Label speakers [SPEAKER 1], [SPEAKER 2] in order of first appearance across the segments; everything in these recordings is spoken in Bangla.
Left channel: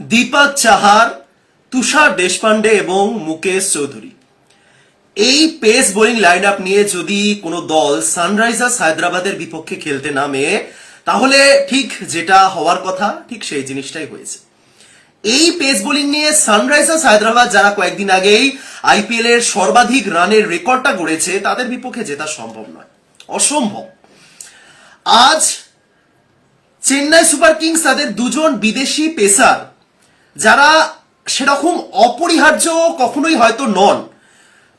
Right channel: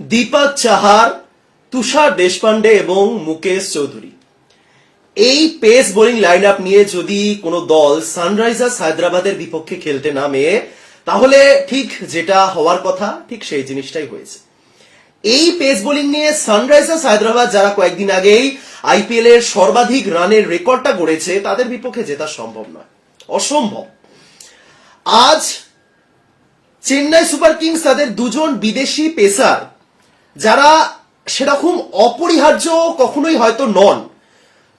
[SPEAKER 1] দীপক চাহার, তুষার দেশপান্ডে এবং মুকেশ চৌধুরী। এই পেস বোলিং লাইন আপ নিয়ে যদি কোনো দল সানরাইজার্স হায়দ্রাবাদের বিপক্ষে খেলতে নামে, তাহলে ঠিক যেটা হওয়ার কথা, ঠিক সেই জিনিসটাই হয়েছে। এই পেস বোলিং নিয়ে সানরাইজার্স হায়দ্রাবাদ যারা কয়েকদিন আগেই আইপিএল এর সর্বাধিক রানের রেকর্ডটা গড়েছে, তাদের বিপক্ষে জেতা সম্ভব নয়। অসম্ভব। আজ চেন্নাই সুপার কিংস তাদের দুজন বিদেশি পেসার যারা সেরকম অপরিহার্য কখনোই হয়তো নন।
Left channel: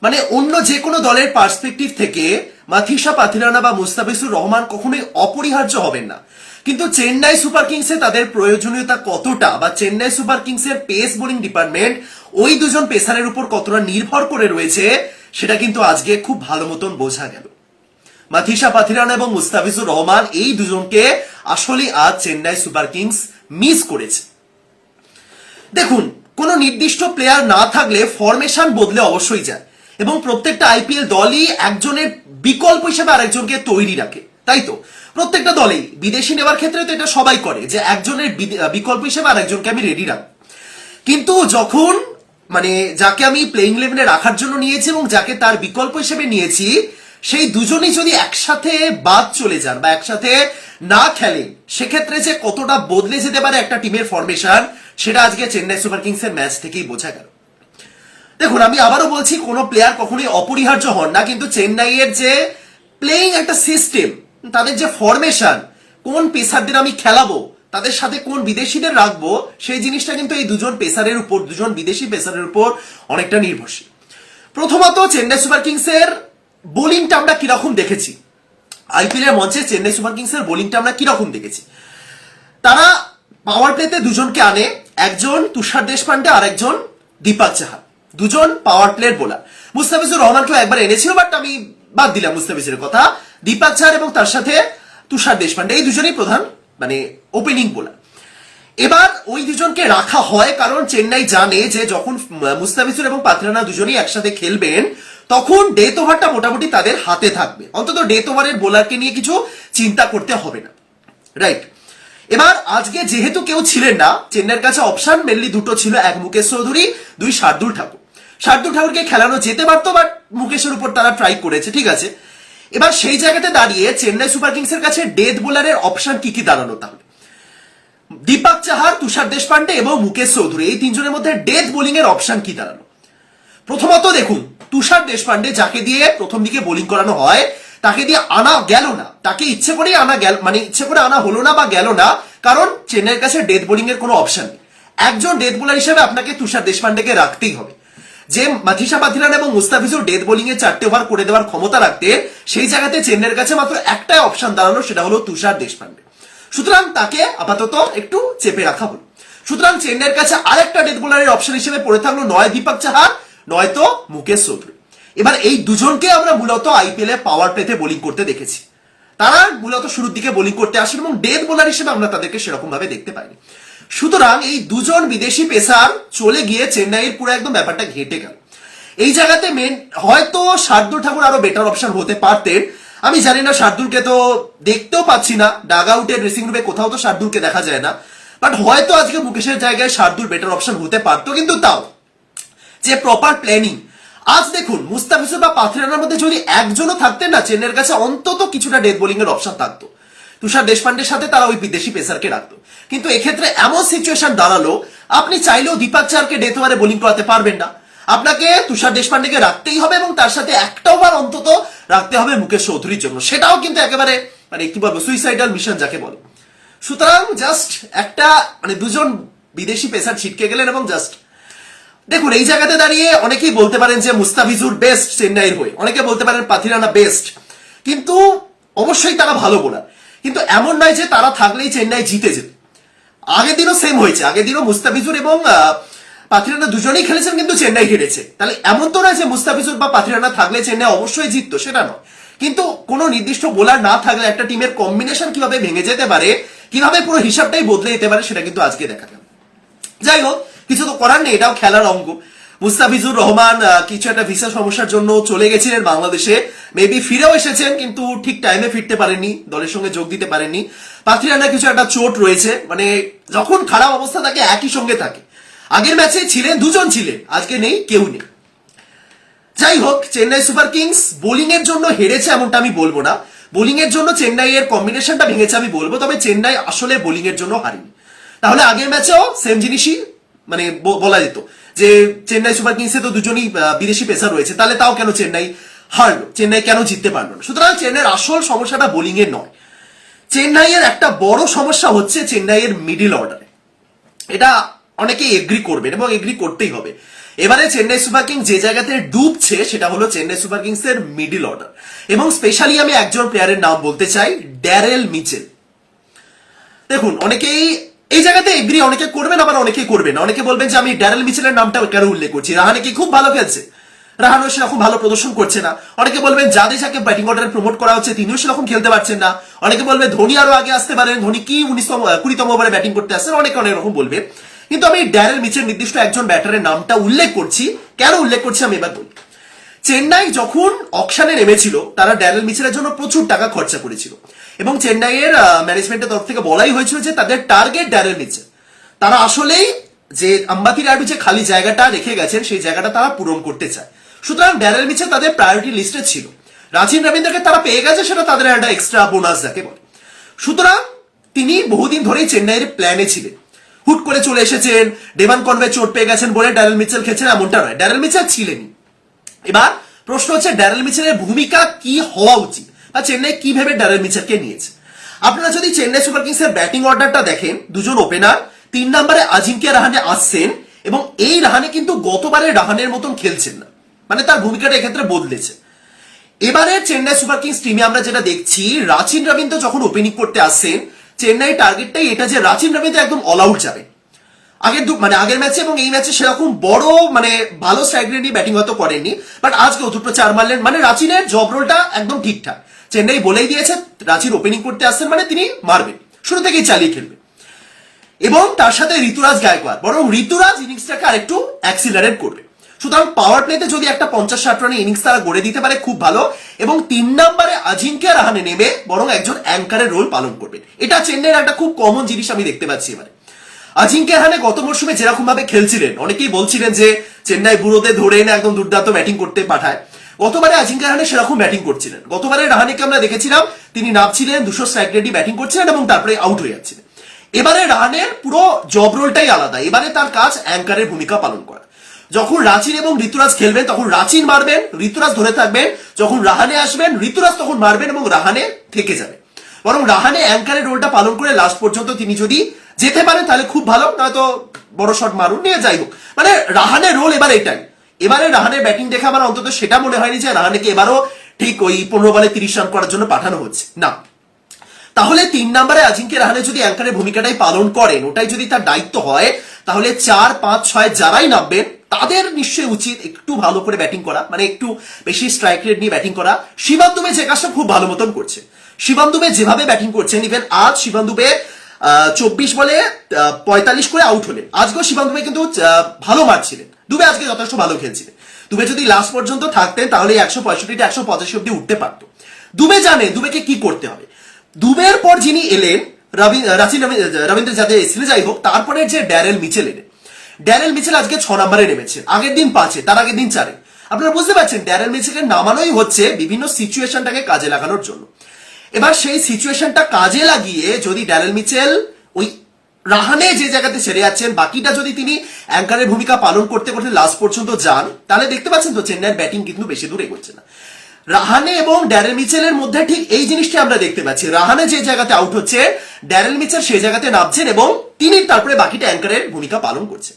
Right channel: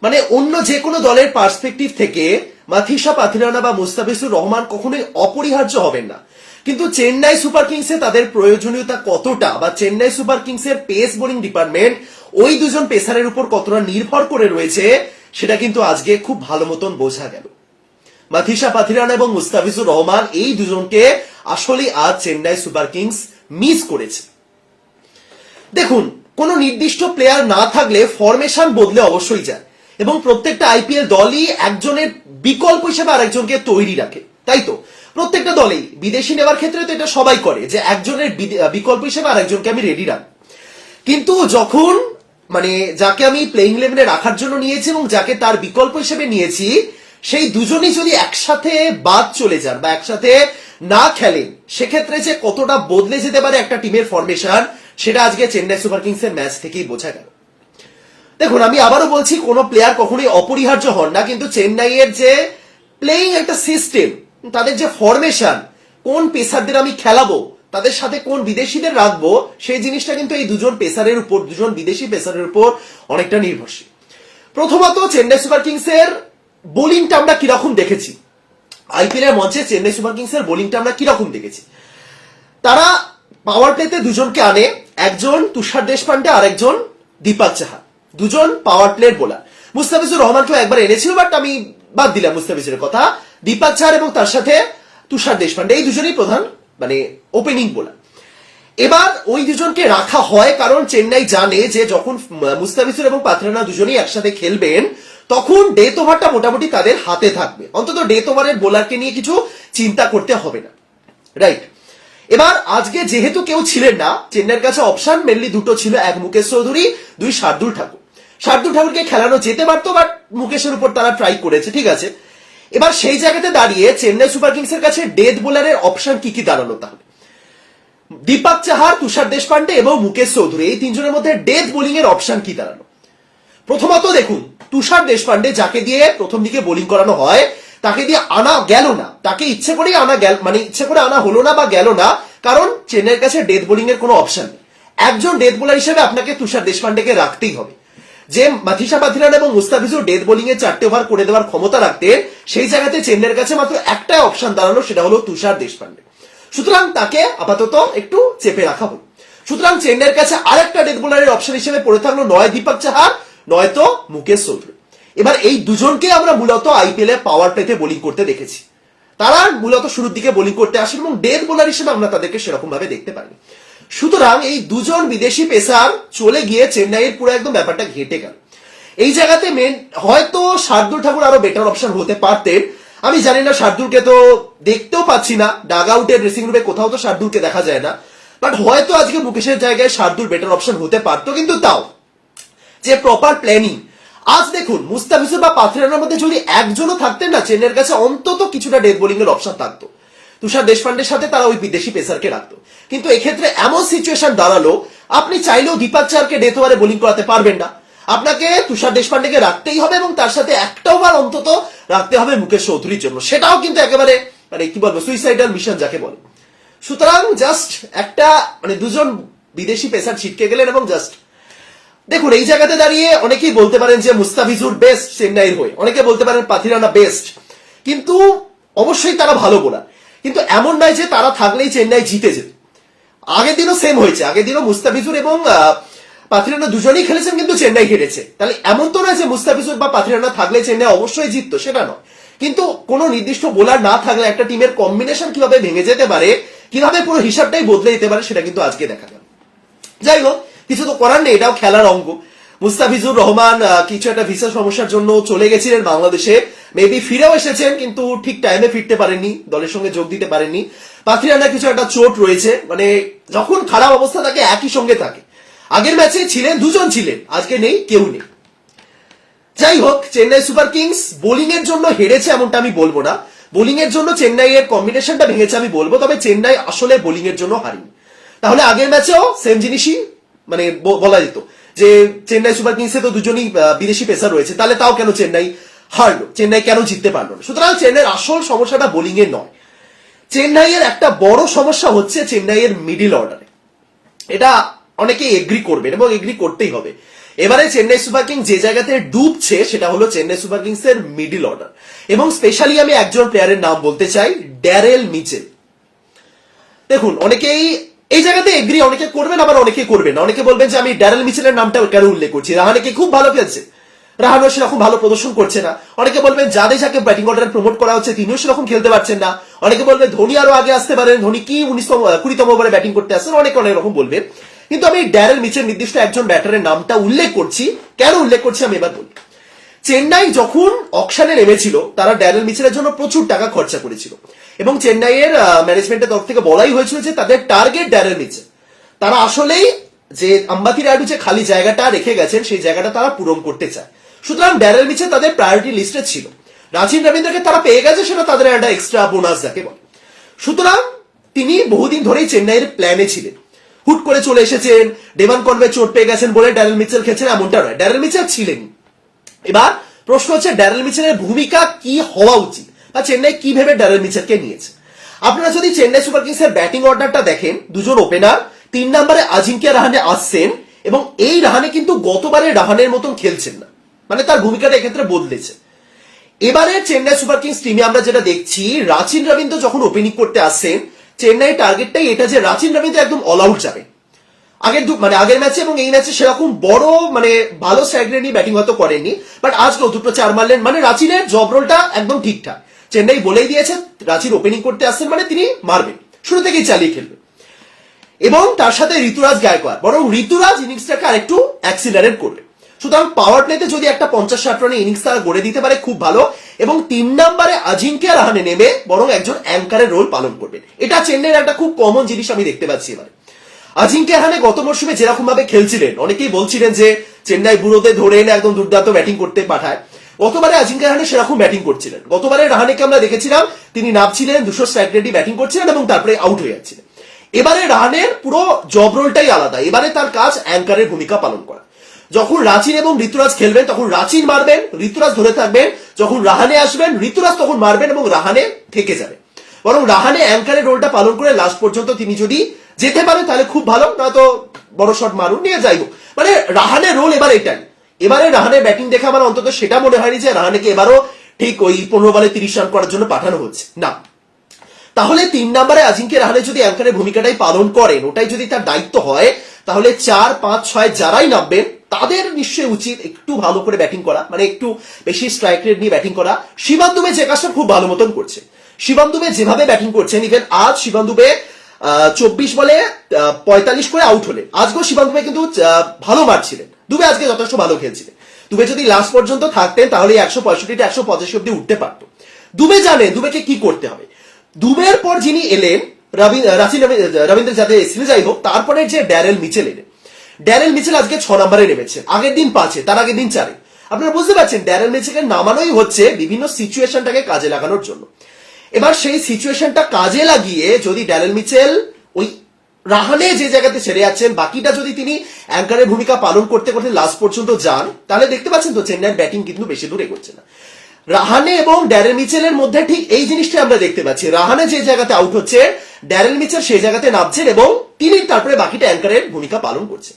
[SPEAKER 1] মানে অন্য যে কোনো দলের পার্সপেক্টিভ থেকে মাথিসা পাথিরানা বা মুস্তাফিজুর রহমান কখনোই অপরিহার্য হবেন না। কিন্তু চেন্নাই সুপার কিংসে তাদের প্রয়োজনীয়তা কতটা বা চেন্নাই সুপার কিংসের পেস বোলিং ডিপার্টমেন্ট ওই দুজন পেসারের উপর কতটা নির্ভর করে রয়েছে, সেটা কিন্তু আজকে খুব ভালো মতন বোঝা গেল। মাথিসা পাথিরানা এবং মুস্তাফিজুর রহমান এই দুজনকে আসলে আজ চেন্নাই সুপার কিংস মিস করেছে। দেখুন, কোন নির্দিষ্ট প্লেয়ার না থাকলে ফরমেশন বদলে অবশ্যই যায়। এবং প্রত্যেকটা আইপিএল দলই একজনের বিকল্প হিসেবে আরেকজনকে তৈরি রাখে, তাই তো? প্রত্যেকটা দলেই, বিদেশি নেওয়ার ক্ষেত্রে তো এটা সবাই করে যে একজনের বিকল্প হিসেবে আরেকজনকে আমি রেডি রাখব। কিন্তু যখন মানে যাকে আমি প্লেইং ইলেভেনে রাখার জন্য নিয়েছি এবং যাকে তার বিকল্প হিসেবে নিয়েছি, সেই দুজনেই যদি একসাথে বাদ চলে যান বা একসাথে না খেলেন, সেক্ষেত্রে যে কতটা বদলে যেতে পারে একটা টিমের ফরমেশন সেটা আজকে চেন্নাই সুপার কিংসের ম্যাচ থেকেই বোঝা গেল। দেখুন, আমি আবারও বলছি, কোন প্লেয়ার কখনোই অপরিহার্য হন না, কিন্তু চেন্নাইয়ের যে প্লেইং একটা সিস্টেম তাদের যে ফরমেশন কোন পেসারদের আমি খেলাবো, তাদের সাথে কোন বিদেশিদের রাখব, সেই জিনিসটা কিন্তু এই দুজন পেসারের উপর, দুজন বিদেশি পেসারের উপর অনেকটা নির্ভরশীল। প্রথমত, চেন্নাই সুপার কিংসের বোলিংটা আমরা কীরকম দেখেছি? আইপিএল এর মঞ্চে চেন্নাই সুপার কিংসের বোলিংটা আমরা কীরকম দেখেছি? তারা পাওয়ার প্লেতে দুজনকে আনে একজন তুষার দেশপান্ডে আর একজন দীপক চাহা দুজন পাওয়ার প্লের বোলার মুস্তাফিজুর রহমানকেও একবার এনেছিল বাট আমি বাদ দিলাম মুস্তাফিজের কথা। দীপাক চাহার এবং তার সাথে তুষার দেশপান্ডে, এই দুজনেই প্রধান মানে ওপেনিং বোলার এবার ওই দুজনকে রাখা হয়, কারণ চেন্নাই জানে যে যখন মুস্তাফিজুর এবং পাথরানা দুজনেই একসাথে খেলবেন, তখন ডেথ ওভারটা মোটামুটি তাদের হাতে থাকবে। অন্তত ডেথ ওভারের বোলারকে নিয়ে কিছু চিন্তা করতে হবে না। রাইট এবার, আজকে যেহেতু কেউ ছিলেন না, চেন্নাইয়ের কাছে অপশন মেনলি দুটো ছিল এক মুকেশ চৌধুরী, দুই শার্দুল ঠাকুর। শার্দুল ঠাকুরকে খেলানো যেতে পারতো, বাট মুকেশের উপর তারা ট্রাই করেছে, ঠিক আছে? এবার সেই জায়গাতে দাঁড়িয়ে চেন্নাই সুপার কিংসের কাছে ডেথ বোলারের অপশন কি কি দাঁড়ানো তাহলে? দীপক চাহার, তুষার দেশপান্ডে এবং মুকেশ চৌধুরী, এই তিনজনের মধ্যে ডেথ বোলিং এর অপশন কি দাঁড়ানো প্রথমত দেখুন, তুষার দেশপান্ডে যাকে দিয়ে প্রথম দিকে বোলিং করানো হয় তাকে দিয়ে আনা গেল না। তাকে ইচ্ছে করেই আনা গেল মানে ইচ্ছে করে আনা হলো না বা গেল না, কারণ চেন্নাইয়ের কাছে ডেথ বোলিং এর কোনো অপশন নেই। একজন ডেথ বোলার হিসেবে আপনাকে তুষার দেশপান্ডেকে রাখতেই হবে। যে মাথিসা পাথিরান এবং মুস্তাফিজুর ডেথ বোলিং এ চারটে ওভার করে দেওয়ার ক্ষমতা রাখতেন সেই জায়গাতে চেন্নাইয়ের কাছে মাত্র একটাই অপশন দাঁড়ানো সেটা হলো তুষার দেশপান্ডে। সুতরাং তাকে আপাতত একটু চেপে রাখা হলো। সুতরাং চেন্নাইয়ের কাছে আরেকটা ডেথ বোলারের অপশন হিসেবে পড়ে থাকল নয় দীপক চাহার, নয়তো মুকেশ চৌধুরী। এবার এই দুজনকে আমরা মূলত আইপিএল পাওয়ার প্লেতে বোলিং করতে দেখেছি। তারা মূলত শুরুর দিকে বোলিং করতে আসেন এবং ডেথ বোলার হিসেবে আমরা তাদেরকে সেরকম ভাবে দেখতে পাইনি। সুতরাং এই দুজন বিদেশি পেসার চলে গিয়ে চেন্নাইয়ের পুরো একদম ব্যাপারটা ঘেটে গেল। এই জায়গাতে মেন হয়তো শার্দুল ঠাকুর আরও বেটার অপশন হতে পারতেন। আমি জানি না শার্দুলকে তো দেখতেও পাচ্ছি না ডাগ আউটের ড্রেসিং রুমে কোথাও তো শার্দুলকে দেখা যায় না। বাট হয়তো আজকে মুকেশের জায়গায় শার্দুল বেটার অপশন হতে পারতো, কিন্তু তাও। যে প্রপার প্ল্যানিং আজ দেখুন, মুস্তাফিজুর বা পাথরানার মধ্যে যদি একজনও থাকতেন না, চেন্নাইয়ের কাছে অন্তত কিছুটা ডেথ বোলিং এর অপশন থাকতো। তুষার দেশপান্ডের সাথে তারা ওই বিদেশি পেসারকে রাখতো। কিন্তু এক্ষেত্রে এমন সিচুয়েশন দাঁড়াল, আপনি চাইলেও দীপক চারকে ডেথ ওভারে বোলিং করাতে পারবেন না। আপনাকে তুষার দেশপান্ডেকে রাখতেই হবে এবং তার সাথে একটা ওভার অন্তত রাখতে হবে মুকেশ চৌধুরীর জন্য। সেটাও কিন্তু একেবারে মানে কি বলব সুইসাইডাল মিশন যাকে বলে। সুতরাং জাস্ট একটা মানে দুজন বিদেশি পেসার ছিটকে গেলেন এবং জাস্ট দেখুন, এই জায়গাতে দাঁড়িয়ে অনেকেই বলতে পারেন যে মুস্তাফিজুর বেস্ট চেন্নাইয়ের হয়ে। অনেকে বলতে পারেন পাথিরানা বেস্ট কিন্তু অবশ্যই তারা ভালো বোলার। কিন্তু এমন নয় যে তারা থাকলেই চেন্নাই জিতে যেত। আগের দিনও সেম হয়েছে। আগের দিনও মুস্তাফিজুর এবং পাথিরানা দুজনেই খেলেছেন কিন্তু চেন্নাই হেরেছে। তাহলে এমন তো নয় যে মুস্তাফিজুর বা পাথিরানা থাকলে চেন্নাই অবশ্যই জিততো? সেটা নয়। কিন্তু কোনো নির্দিষ্ট বোলার না থাকলে একটা টিমের কম্বিনেশন কীভাবে ভেঙে যেতে পারে, কীভাবে পুরো হিসাবটাই বদলে যেতে পারে, সেটা কিন্তু আজকে দেখা গেল যাই হোক কিছু তো করার নেই, এটাও খেলার অঙ্গ। মুস্তাফিজুর রহমান কিছু একটা ভিসা সমস্যার জন্য চলে গেছিলেন বাংলাদেশে। মেবি ফিরেও এসেছেন, কিন্তু ঠিক টাইমে ফিরতে পারেননি, দলের সঙ্গে যোগ দিতে পারেননি। পাথিরানা কিছু একটা চোট রয়েছে মানে যখন খারাপ অবস্থা থাকে, একই সঙ্গে থাকে। আগের ম্যাচে ছিলেন, দুজন ছিলেন, আজকে নেই, কেউ নেই। যাই হোক, চেন্নাই সুপার কিংস বোলিং এর জন্য হেরেছে এমনটা আমি বলব না। বোলিং এর জন্য চেন্নাই এর কম্বিনেশনটা ভেঙেছে আমি বলব, তবে চেন্নাই আসলে বোলিং এর জন্য হারিনি। তাহলে আগের ম্যাচেও সেম জিনিসই মানে বলা যেত। যে চেন্নাই সুপার কিংসে তো দুজনই বিদেশি পেসার রয়েছে, তাহলে তাও কেন চেন্নাই হারলো? চেন্নাই কেন জিততে পারল না? সুতরাং চেন্নাইয়ের আসল সমস্যাটা বোলিং এর নয়। চেন্নাইয়ের একটা বড় সমস্যা হচ্ছে চেন্নাইয়ের মিডিল অর্ডারে এটা অনেকে এগ্রি করবেন এবং এগ্রি করতেই হবে। এবারে চেন্নাই সুপার কিংস যে জায়গাতে ডুবছে, সেটা হলো চেন্নাই সুপার কিংস এর মিডিল অর্ডার এবং স্পেশালি আমি একজন প্লেয়ারের নাম বলতে চাই, ড্যারেল মিচেল। দেখুন, অনেকেই এই জায়গাতে এগ্রি অনেকে করবেন, আবার অনেকে করবেন অনেকে বলবেন যে, আমি ড্যারেল মিচেলের নামটা কেন উল্লেখ করছি? রাহানেকে খুব ভালো খেলছে। রাহানও সেরকম ভালো প্রদর্শন করছে না। অনেকে বলবেন, যাদের যাকে ব্যাটিং অর্ডারে প্রমোট করা হচ্ছে, তিনিও সেরকম খেলতে পারছেন না। অনেকে বলবেন, ধোনি আরও আগে আসতে পারেন। ধোনি কি উনিশতম কুড়িতম ওভারে ব্যাটিং করতে আসছেন? অনেকে অনেক রকম বলবেন। কিন্তু আমি ড্যারেল মিচেল নির্দিষ্ট একজন ব্যাটারের নামটা উল্লেখ করছি। কেন উল্লেখ করছি আমি এবার বলি। চেন্নাই যখন অকশনে নেমেছিল, তারা ড্যারেল মিচেলের জন্য প্রচুর টাকা খরচা করেছিল। এবং চেন্নাইয়ের ম্যানেজমেন্টের তরফ থেকে বলাই হয়েছিল যে তাদের টার্গেট ড্যারেল মিচেল তারা আসলেই যে আম্বাতি রায়ডু যে খালি জায়গাটা রেখে গেছেন, সেই জায়গাটা তারা পূরণ করতে চায়। সুতরাং ড্যারেল মিচেল তাদের প্রায়োরিটি লিস্টে ছিল। রাজিন রবীন্দ্রকে তারা পেয়ে গেছে, সেটা তাদের একটা এক্সট্রা বোনাস যাকে বলে। সুতরাং তিনি বহুদিন ধরেই চেন্নাইয়ের প্ল্যানে ছিলেন। হুট করে চলে এসেছেন ডেভান কনভে চোট পেয়ে গেছেন বলে ড্যারেল মিচেল খেলছেন এমনটা নয়। ড্যারেল মিচেল ছিলেনই। এবার প্রশ্ন হচ্ছে ড্যারেল মিচেলের ভূমিকা কি হওয়া উচিত? বা চেন্নাই কি ভেবে ড্যারেল মিচেলকে নিয়েছে? আপনারা যদি চেন্নাই সুপার কিংসের ব্যাটিং অর্ডারটা দেখেন, দুজন ওপেনার তিন নম্বরে আজিঙ্কিয়া রাহানে আসছেন এবং এই রাহানে কিন্তু গতবারে রাহানের মতন খেলছেন না। মানে তার ভূমিকাটা এক্ষেত্রে বদলেছে। এবারে চেন্নাই সুপার কিংস টিমে আমরা যেটা দেখছি, রাচিন রবীন্দ্র যখন ওপেনিং করতে আসছেন, চেন্নাই টার্গেটটাই এটা যে রাচিন রবীন্দ্র একদম অল আউট যাবে। আগের দু মানে আগের ম্যাচে এবং এই ম্যাচে সেরকম বড় মানে ভালো স্ট্রাইক ব্যাটিং হয়তো করেননি বাট আজকেও দুটো চার মারলেন। মানে রাচিনের জব রোলটা একদম ঠিকঠাক। চেন্নাই বলেই দিয়েছে, রাচির ওপেনিং করতে আসছেন মানে তিনি মারবেন। শুরু থেকেই চালিয়ে খেলবেন এবং তার সাথে ঋতুরাজ গায়কোয়াড়। বরং ঋতুরাজ ইনিংসটাকে আরেকটু অ্যাক্সিলারেট করবে। সুতরাং পাওয়ার প্লেতে যদি একটা পঞ্চাশ ষাট রানের ইনিংস তারা গড়ে দিতে পারে, খুব ভালো। এবং তিন নম্বরে আজিঙ্কিয়া রাহানে নেমে বরং একজন অ্যাঙ্কারের রোল পালন করবেন। এটা চেন্নাইয়ের একটা খুব কমন জিনিস আমি দেখতে পাচ্ছি এবারে। আজিঙ্কিয়া রাহানে গত মরশুমে যেরকম ভাবে খেলছিলেন, অনেকেই বলছিলেন যে, চেন্নাই বুড়োতে ধরে এনে একদম দুর্দান্ত ব্যাটিং করতে পাঠায়। গতবারে আজিঙ্কিয়া রাহানে সেরকম ব্যাটিং করছিলেন। গতবারে রাহানেকে আমরা দেখেছিলাম, তিনি নামছিলেন, দুশো রেটই ব্যাটিং করছিলেন এবং তারপরে আউট হয়ে যাচ্ছিলেন। এবারে রাহানের পুরো জব রোলটাই আলাদা। এবারে তার কাজ অ্যাঙ্কারের ভূমিকা পালন করা। যখন রাচিন এবং ঋতুরাজ খেলবেন, তখন রাচিন মারবেন, ঋতুরাজ ধরে থাকবেন, যখন রাহানে আসবেন, ঋতুরাজ তখন মারবেন এবং রাহানে থেকে যাবে। বরং রাহানে অ্যাঙ্কারের রোলটা পালন করে লাস্ট পর্যন্ত তিনি যদি যেতে পারেন, তাহলে খুব ভালো, নয়তো বড় শট মারুন, নিয়ে যাই হোক। মানে রাহানের রোল এবার এটাই। এবারে রাহানের ব্যাটিং দেখে আমার অন্তত সেটা মনে হয়নি যে রাহানেকে এবারও ঠিক ওই পনেরো বলে তিরিশ রান করার জন্য পাঠানো হচ্ছে। না। তাহলে তিন নম্বরে আজিঙ্কে রাহানে যদি অ্যাঙ্কারের ভূমিকাটাই পালন করেন, ওটাই যদি তার দায়িত্ব হয়, তাহলে চার, পাঁচ, ছয় যারাই নামবেন, তাদের নিশ্চয়ই উচিত একটু ভালো করে ব্যাটিং করা মানে একটু বেশি স্ট্রাইক রেট নিয়ে ব্যাটিং করা। শিবান দুবে যে কাজটা খুব ভালো মতন করছে। শিবান দুবে যেভাবে ব্যাটিং করছেন ইভেন আজ শিবান দুবে চব্বিশ বলে পঁয়তাল্লিশ করে আউট হলেন। আজকেও শিবান দুবে কিন্তু ভালো মারছিলেন দুবে আজকে যথেষ্ট ভালো খেলছিলেন দুবে যদি লাস্ট পর্যন্ত থাকতেন, তাহলে একশো পঁয়ষট্টিটা একশো পঁচাশি অব্দি উঠতে পারতো। দুবে জানে, দুবেকে কি করতে হবে? দুবের পর যিনি এলেন, রবি- রবি- রবীন্দ্র যাদব এসেছিলেন, যাই হোক, তারপরে যে ড্যারেল মিচেল এলেন। ড্যারেল মিচেল আজকে ছ নম্বরে নেমেছেন। আগের দিন পাঁচে, তার আগের দিন চারে। আপনারা বুঝতে পারছেন, ড্যারেল মিচেলকে নামানোই হচ্ছে বিভিন্ন সিচুয়েশনটাকে কাজে লাগানোর জন্য। এবার সেই সিচুয়েশনটা কাজে লাগিয়ে যদি ড্যারেল মিচেল ওই রাহানে যে জায়গাতে ছেড়ে যাচ্ছেন, বাকিটা যদি তিনি অ্যাঙ্কারের ভূমিকা পালন করতে করতে লাস্ট পর্যন্ত যান, তাহলে দেখতে পাচ্ছেন তো চেন্নাইয়ের ব্যাটিং কিন্তু বেশি দূর এগোচ্ছে না। রাহানে এবং ড্যারেল মিচেলের মধ্যে ঠিক এই জিনিসটা আমরা দেখতে পাচ্ছি। রাহানে যে জায়গাতে আউট হচ্ছে, ড্যারেল মিচেল সেই জায়গাতে নামছেন এবং তিনি তারপরে বাকিটা অ্যাঙ্কারের ভূমিকা পালন করছেন।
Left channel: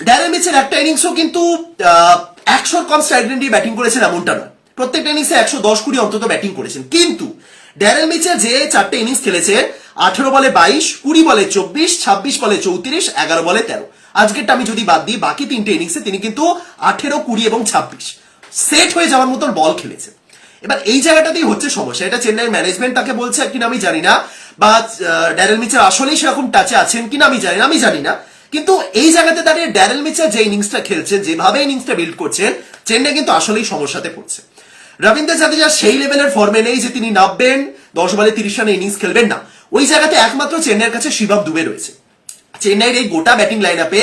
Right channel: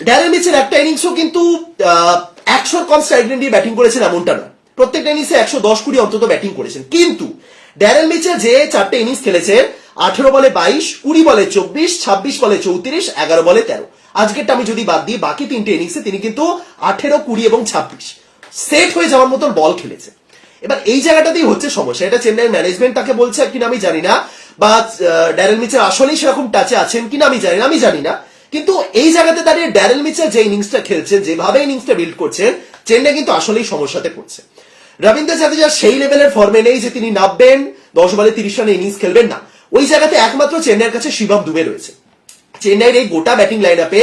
[SPEAKER 1] ড্যারেল মিচেল একটা ইনিংসও কিন্তু একশো কম স্ট্রাইক ব্যাটিং করেছেন এমনটা নয়। প্রত্যেকটা ইনিংসে একশো দশ কুড়ি অন্তত ব্যাটিং করেছেন। কিন্তু ড্যারেল মিচেল যে চারটে ইনিংস খেলেছে, আঠেরো বলে বাইশ, কুড়ি বলে চব্বিশ, ছাব্বিশ বলে চৌত্রিশ, এগারো বলে তেরো। আজকেরটা আমি যদি বাদ দিই, বাকি তিনটে ইনিংসে তিনি কিন্তু আঠেরো, কুড়ি এবং ছাব্বিশ। সেট হয়ে যাওয়ার মতন বল খেলেছে। এবার এই জায়গাটাতেই হচ্ছে সমস্যা। এটা চেন্নাই ম্যানেজমেন্ট তাকে বলছে কিনা আমি জানি না, বা ড্যারেল মিচেল আসলেই সেরকম টাচে আছেন কিনা আমি জানি না, আমি জানি না। কিন্তু এই জায়গাতে দাঁড়িয়ে ড্যারেল মিচেল যে ইনিংসটা খেলছেন, যেভাবে ইনিংসটা বিল্ড করছেন, চেন্নাই কিন্তু আসলেই সমস্যাতে পড়ছে। রবীন্দ্র জাদেজা সেই লেভেলের ফর্মে নেই যে তিনি নামবেন দশ বলে তিরিশ রানে ইনিংস খেলবেন না। ওই জায়গাতে একমাত্র চেন্নাইয়ের কাছে শিবম দুবে রয়েছে। চেন্নাইয়ের এই গোটা ব্যাটিং লাইন আপে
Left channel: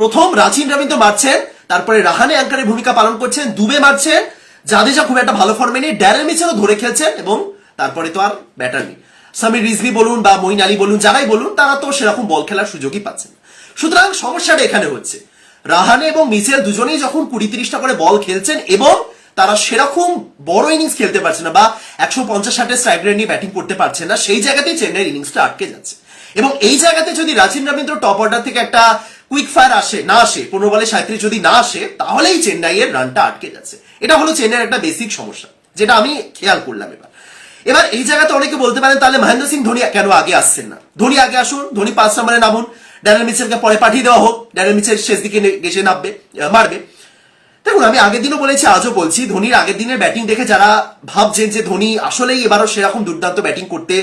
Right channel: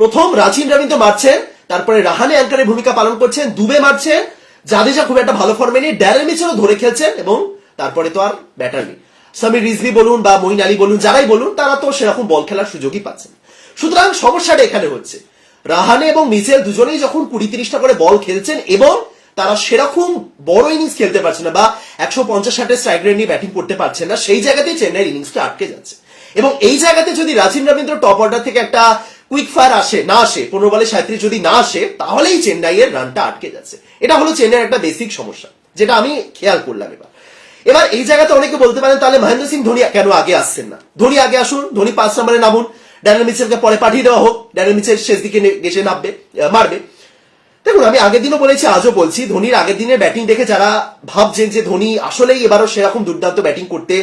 [SPEAKER 1] প্রথম রাচিন রবীন্দ্র মারছেন, তারপরে রাহানে অ্যাঙ্কারের ভূমিকা পালন করছেন, দুবে মারছেন। জাদেজা খুব একটা ভালো ফর্মে নেই, ড্যারেল মিচেলও ধরে খেলছেন এবং তারপরে তো আর ব্যাটার নেই। সামির রিজভি বলুন বা মইন আলী বলুন, যারাই বলুন, তারা তো সেরকম বল খেলার সুযোগই পাচ্ছেন সুতরাং সমস্যাটা এখানে হচ্ছে। রাহানে এবং মিচেল দুজনেই যখন কুড়ি তিরিশটা করে বল খেলছেন এবং তারা সেরকম বড় ইনিংস খেলতে পারছে না বা একশো পঞ্চাশ ষাটের স্ট্রাইক রেট নিয়ে ব্যাটিং করতে পারছে না, সেই জায়গাতেই চেন্নাইয়ের ইনিংসটা আটকে যাচ্ছে। এবং এই জায়গাতে যদি রাচিন রবীন্দ্র টপ অর্ডার থেকে একটা কুইক ফায়ার আসে, না আসে, পনেরো বলে সাঁত্রিশ যদি না আসে, তাহলেই চেন্নাইয়ের রানটা আটকে যাচ্ছে। এটা হলো চেন্নাইয়ের একটা বেসিক সমস্যা, যেটা আমি খেয়াল করলাম এবার। এবার এই জায়গাতে অনেকে বলতে পারেন, তাহলে মহেন্দ্র সিং ধোনি কেন আগে আসছেন না? ধোনি আগে আসুন, ধোনি পাঁচ নম্বরে নামুন ড্যারেল মিচেলকে পরে পাঠিয়ে দেওয়া হোক ড্যারেল মিচেল শেষ দিকে গেছে, নামবে মারবে। দেখুন, আমি আগের দিনও বলেছি, আজও বলছি, ধোনির আগের দিনের ব্যাটিং দেখে যারা ভাবছেন যে ধোনি আসলেই এবারও সেরকম দুর্দান্ত ব্যাটিং করতে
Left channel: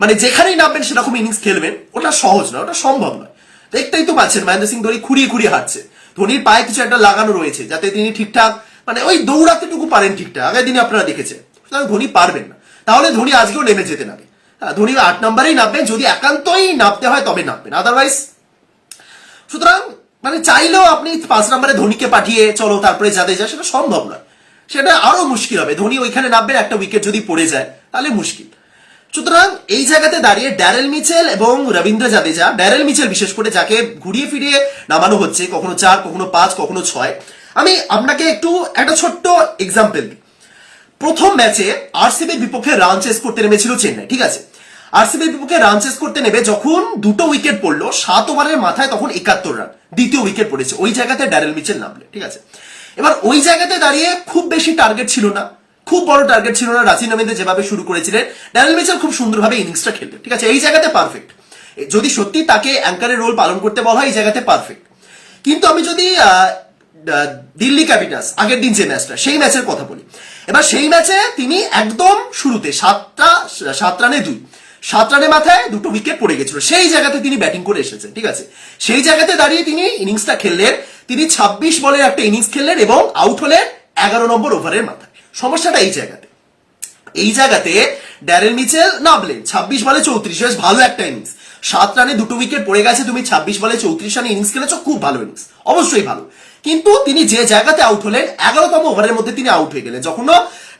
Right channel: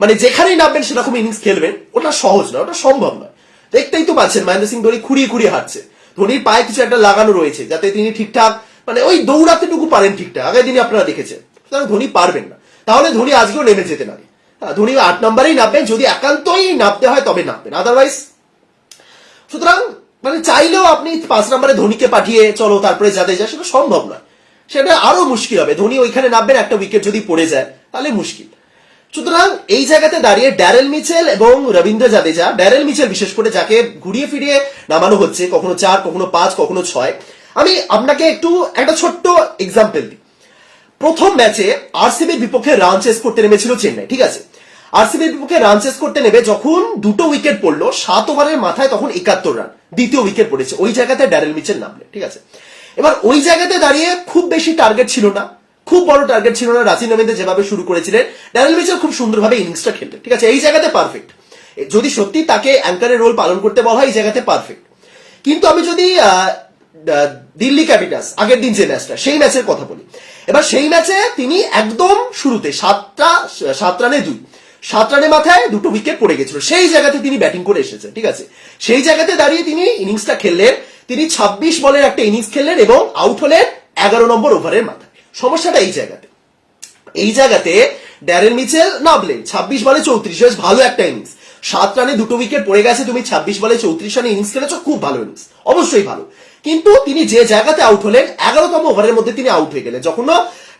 [SPEAKER 1] মানে যেখানেই নামবেন সেরকম ইনিংস খেলবেন, ওটা সহজ নয়, ওটা সম্ভব নয়। দেখতেই তো পাচ্ছেন, মহেন্দ্র সিং ধোনি খুঁড়িয়ে খুঁড়িয়ে হাঁটছে। ধোনির পায়ে কিছু একটা লাগানো রয়েছে, যাতে তিনি ঠিকঠাক মানে ওই দৌড়াতেটুকু পারেন ঠিকঠাক, আগের দিনে আপনারা দেখেছেন। সুতরাং ধোনি পারবেন না। তাহলে ধোনি আজকেও নেমে যেতেন আগে হ্যাঁ ধোনি আট নম্বরেই নামবেন, যদি একান্তই নামতে হয় তবে নামবেন আদারওয়াইজ সুতরাং মানে চাইলেও আপনি পাঁচ নম্বরে ধোনিকে পাঠিয়ে চলো তারপরে যাতে যায়, সেটা সম্ভব নয়। সেটা আরও মুশকিল হবে। ধোনি ওইখানে নামবেন, একটা উইকেট যদি পড়ে যায়, তাহলে মুশকিল। সুতরাং এই জায়গাতে দাঁড়িয়ে ড্যারেল মিচেল এবং রবীন্দ্র জাদেজা, ড্যারেল মিচেল বিশেষ করে যাকে ঘুরিয়ে ফিরিয়ে নামানো হচ্ছে, কখনো চার, কখনো পাঁচ, কখনো ছয়। আমি আপনাকে একটু একটা ছোট্ট এক্সাম্পল দিই। প্রথম ম্যাচে আরসিবির বিপক্ষে রান চেস করতে নেমেছিল চেন্নাই, ঠিক আছে? আরসিবির বিপক্ষে রান চেস করতে নেবে যখন দুটো উইকেট পড়ল, সাত ওভারের মাথায় তখন একাত্তর রান দ্বিতীয় উইকেট পড়েছে। ওই জায়গাতে ড্যারেল মিচেল নামলে, ঠিক আছে? এবার ওই জায়গাতে দাঁড়িয়ে খুব বেশি টার্গেট ছিল না, খুব বড় টার্গেট ছিল না রাচিন রবীন্দ্র যেভাবে শুরু করেছিলেন। ড্যারেল মিচেল খুব সুন্দরভাবে ইনিংসটা খেলতেন, ঠিক আছে? এই জায়গাতে পারফেক্ট যদি সত্যি তাকে অ্যাঙ্কারের রোল পালন করতে বলা হয়, এই জায়গাতে পারফেক্ট কিন্তু আমি যদি দিল্লি ক্যাপিটালস আগের দিন যে ম্যাচটা সেই ম্যাচের কথা বলি। এবার সেই ম্যাচে তিনি একদম শুরুতে সাতটা সাত রানে দুই। সাত রানের মাথায় দুটো উইকেট পড়ে গেছিল। সেই জায়গাতে তিনি ব্যাটিং করে এসেছেন, ঠিক আছে? সেই জায়গাতে দাঁড়িয়ে তিনি ইনিংসটা খেললেন। তিনি ছাব্বিশ বলের একটা ইনিংস খেললেন এবং আউট হলেন এগারো নম্বর ওভারের মাথায়। সমস্যাটা এই জায়গাতে। এই জায়গাতে ড্যারেল মিচেল নামলেন। ছাব্বিশ বলে চৌত্রিশ, বেশ ভালো একটা ইনিংস সাত রানে দুটো উইকেট পড়ে গেছে, তুমি ছাব্বিশ বলে চৌত্রিশ রানে ইনিংস খেলেছো, খুব ভালো ইনিংস অবশ্যই ভালো। কিন্তু তিনি যে জায়গাতে আউট হলেন, এগারোতম ওভারের মধ্যে তিনি আউট হয়ে গেলেন। যখন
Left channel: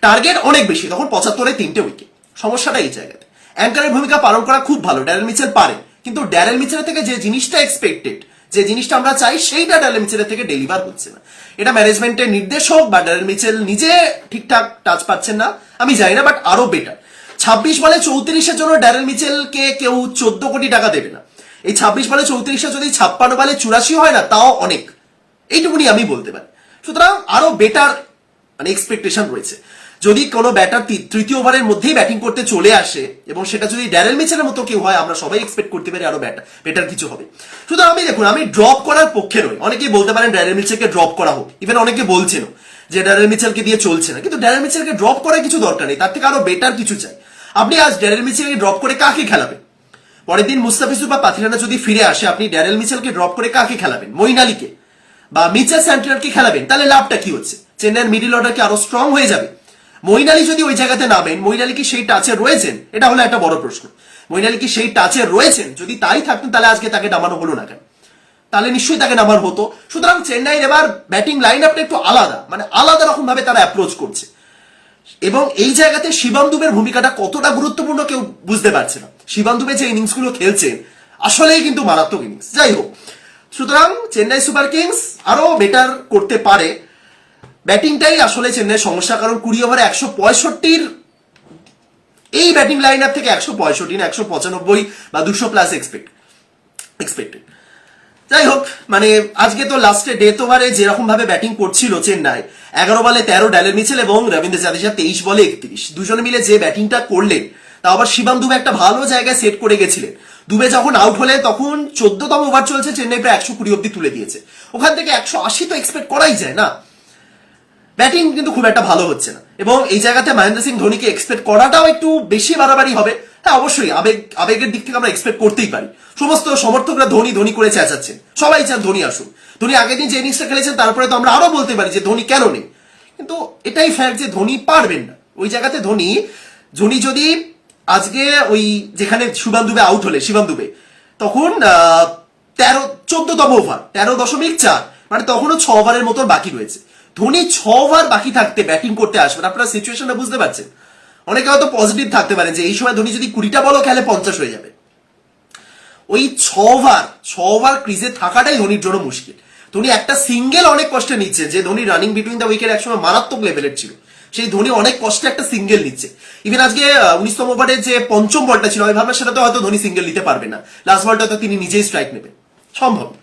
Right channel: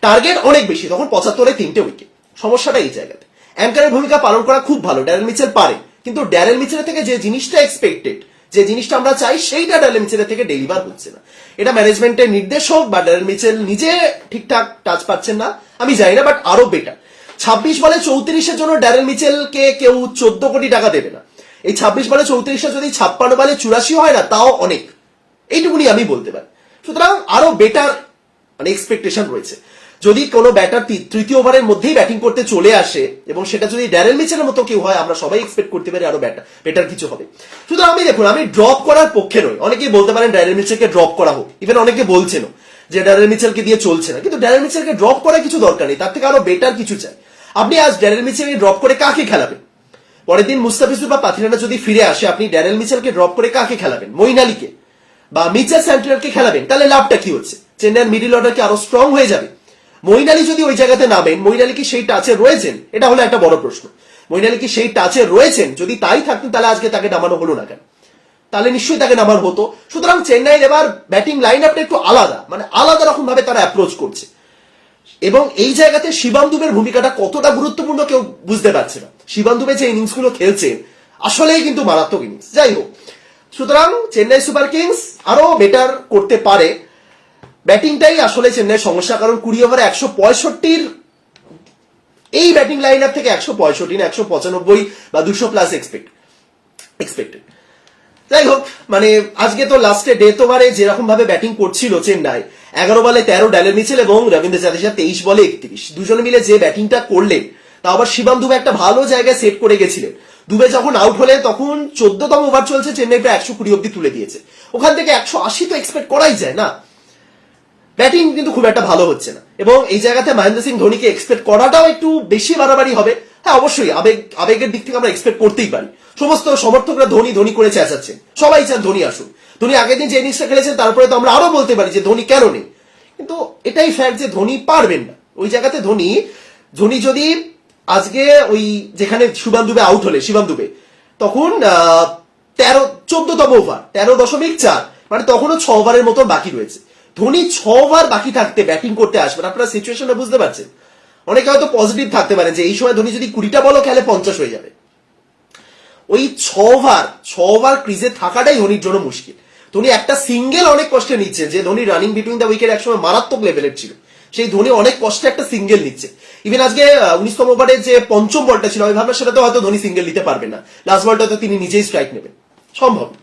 [SPEAKER 1] টার্গেট অনেক বেশি, তখন পঁচাত্তরে তিনটে উইকেট সমস্যাটা এই জায়গাতে। অ্যাঙ্কারের ভূমিকা পালন করা খুব ভালো, ড্যারেল মিচেল পারে। কিন্তু ড্যারেল মিচেলের থেকে যে জিনিসটা এক্সপেক্টেড যে জিনিসটা আমরা চাই, সেইটা ড্যারেল মিচেলের থেকে ডেলিভার হচ্ছে না। এটা ম্যানেজমেন্টের নির্দেশ হোক বা ড্যারেল মিচেল নিজে ঠিকঠাক টাচ পাচ্ছেন না, আমি জানি না বাট আরও বেটার ছাব্বিশ বলে চৌত্রিশের জন্য ড্যারেল মিচেলকে কেউ চোদ্দ কোটি টাকা দেবে না। এই ছাব্বিশ বলে চৌত্রিশে যদি ছাপ্পান্ন বলে চুরাশি হয় না, তাও অনেক। এইটুকুনি আমি বলতে পারি। সুতরাং আরও বেটার মানে এক্সপেকটেশন রয়েছে। যদি কোনো ব্যাটার তৃতীয় ওভারের মধ্যেই ব্যাটিং করতে চলে আসে, এবং সেটা যদি ড্যারেল মিচেলের মতো কেউ হয়, আমরা সবাই এক্সপেক্ট করতে পারি আরও ব্যাটার বেটার কিছু হবে। শুধু আমি দেখুন, আমি ড্রপ করার পক্ষে নই। অনেকেই বলতে পারেন ড্যারেল মিচেলকে ড্রপ করা হোক। ইভেন অনেকে বলছেন যে ড্যারেল মিচেলকে দিয়ে চলছে না। কিন্তু ড্যারেল মিচেলকে ড্রপ করার কিছু দরকার নেই। তার থেকে আরও বেটার কিছু চাই। আপনি আজ ড্যারেল মিচেলকে ড্রপ করে কাকে খেলাবেন? পরের দিন মুস্তাফিজুর বা পাথিরানা যদি ফিরে আসে, আপনি ড্যারেল মিচেলকে ড্রপ করে কাকে খেলাবেন? মইন আলীকে বা মিচেল স্যান্টিনারকে খেলাবেন? তাহলে লাভটা কি হচ্ছে? চেন্নাইয়ের মিডিল অর্ডার কি আরও স্ট্রং হয়ে যাবে। মইন আলী যদি ওই জায়গাতে নামেন মইন আলী কি সেই টাচে রয়েছেন? এটা হলো একটা বড় প্রশ্ন। মইন আলী কি সেই টাচে রয়েছেন? যদি তাই থাকতেন, তাহলে আজকে তাকে নামানো হলো না কেন? তাহলে নিশ্চয়ই তাকে নামার হতো। সুতরাং চেন্নাইয়ের এবার ব্যাটিং লাইন আপটা একটু আলাদা মানে আলাদা রকম ভাবে তারা অ্যাপ্রোচ করছে। এবং এই জায়গাতে শিবাম দুবের ভূমিকাটা কতটা গুরুত্বপূর্ণ কেউ বুঝতে পারছে না। শিবাম দুবে যে ইনিংসগুলো খেলছে আসলেই কিন্তু মারাত্মক ইনিংস যাই হোক, সুতরাং চেন্নাই সুপার কিংস আরও বেটার করতে পারে। ব্যাটিংটাই আসলে চেন্নাইয়ের সমস্যা, কারণ কুড়ি ওভারে একশো পঁয়ষট্টির এই ব্যাটিং লাইন আপ থেকে একশো পঁয়ষট্টি না, একশো পঁচানব্বই বা দুশো প্লাস এক্সপেক্ট এক্সপেক্টেড যাই হোক মানে আজকে তো লাস্টে ডেথ ওভারে যেরকম ভাবে ব্যাটিং করছিল চেন্নাই, এগারো বলে তেরো ড্যালের মিচেল এবং রবীন্দ্র জাদেজা তেইশ বলে একত্রিশ। দুজনে মিলে যে ব্যাটিংটা করলেন তা আবার শিবাম দুবে একটা ভালো জায়গায় সেট করে গেছিলেন। দুবে যখন আউট হলে, তখন চোদ্দতম ওভার চলছে, চেন্নাই প্রায় একশো কুড়ি অব্দি তুলে দিয়েছে। ওখান থেকে একশো আশি তো এক্সপেক্ট করাই যায় না। ব্যাটিং কিন্তু খুব একটা ভালো হচ্ছে না। এবং এই জায়গাতে মহেন্দ্র সিং ধোনিকে এক্সপেক্ট করাটাও একটু বেশি বাড়াবাড়ি হবে। হ্যাঁ অবশ্যই আবেগ, আবেগের দিক থেকে আমরা এক্সপেক্ট করতেই পারি। সমস্ত সমর্থকরা ধোনি ধোনি করে চেঁচাচ্ছেন। সবাই চান ধোনি আসুন ধোনি আগের দিন যে ইনিংসটা খেলেছেন, তারপরে তো আমরা আরও বলতে পারি যে ধোনি কেন নেই। কিন্তু এটাই ফ্যাক্ট যে ধোনি পারবেন না। ওই জায়গাতে ধোনি ধোনি যদি আজকে ওই যেখানে শুভান দুবে আউট হলে শিবান দুবে, তখন তেরো, চোদ্দতম ওভার তেরো দশমিক চার মানে তখনও ছ ওভারের মতো বাকি রয়েছে। ধোনি ছ ওভার বাকি থাকতে ব্যাটিং করতে আসবেন। আপনারা সিচুয়েশনটা বুঝতে পারছেন। অনেকে হয়তো পজিটিভ থাকতে পারেন যে, এই সময় ধোনি যদি কুড়িটা বলও খেলে পঞ্চাশ হয়ে যাবে। ওই ছ ওভার ছ ওভার ক্রিজে থাকাটাই ধোনির জন্য মুশকিল। ধোনি একটা সিঙ্গেল অনেক কষ্টে নিচ্ছে, যে Dhoni running between the wicket একসময় মারাত্মক লেভেলের ছিল। সেই ধোনি অনেক কষ্টে একটা সিঙ্গেল নিচ্ছে। ইভেন আজকে উনিশতম ওভারে যে পঞ্চম বলটা ছিল আমি ভাবলাম সেটা তো হয়তো ধোনি সিঙ্গেল নিতে পারবে না। লাস্ট বলটা তো তিনি নিজেই স্ট্রাইক নেবেন। সম্ভব।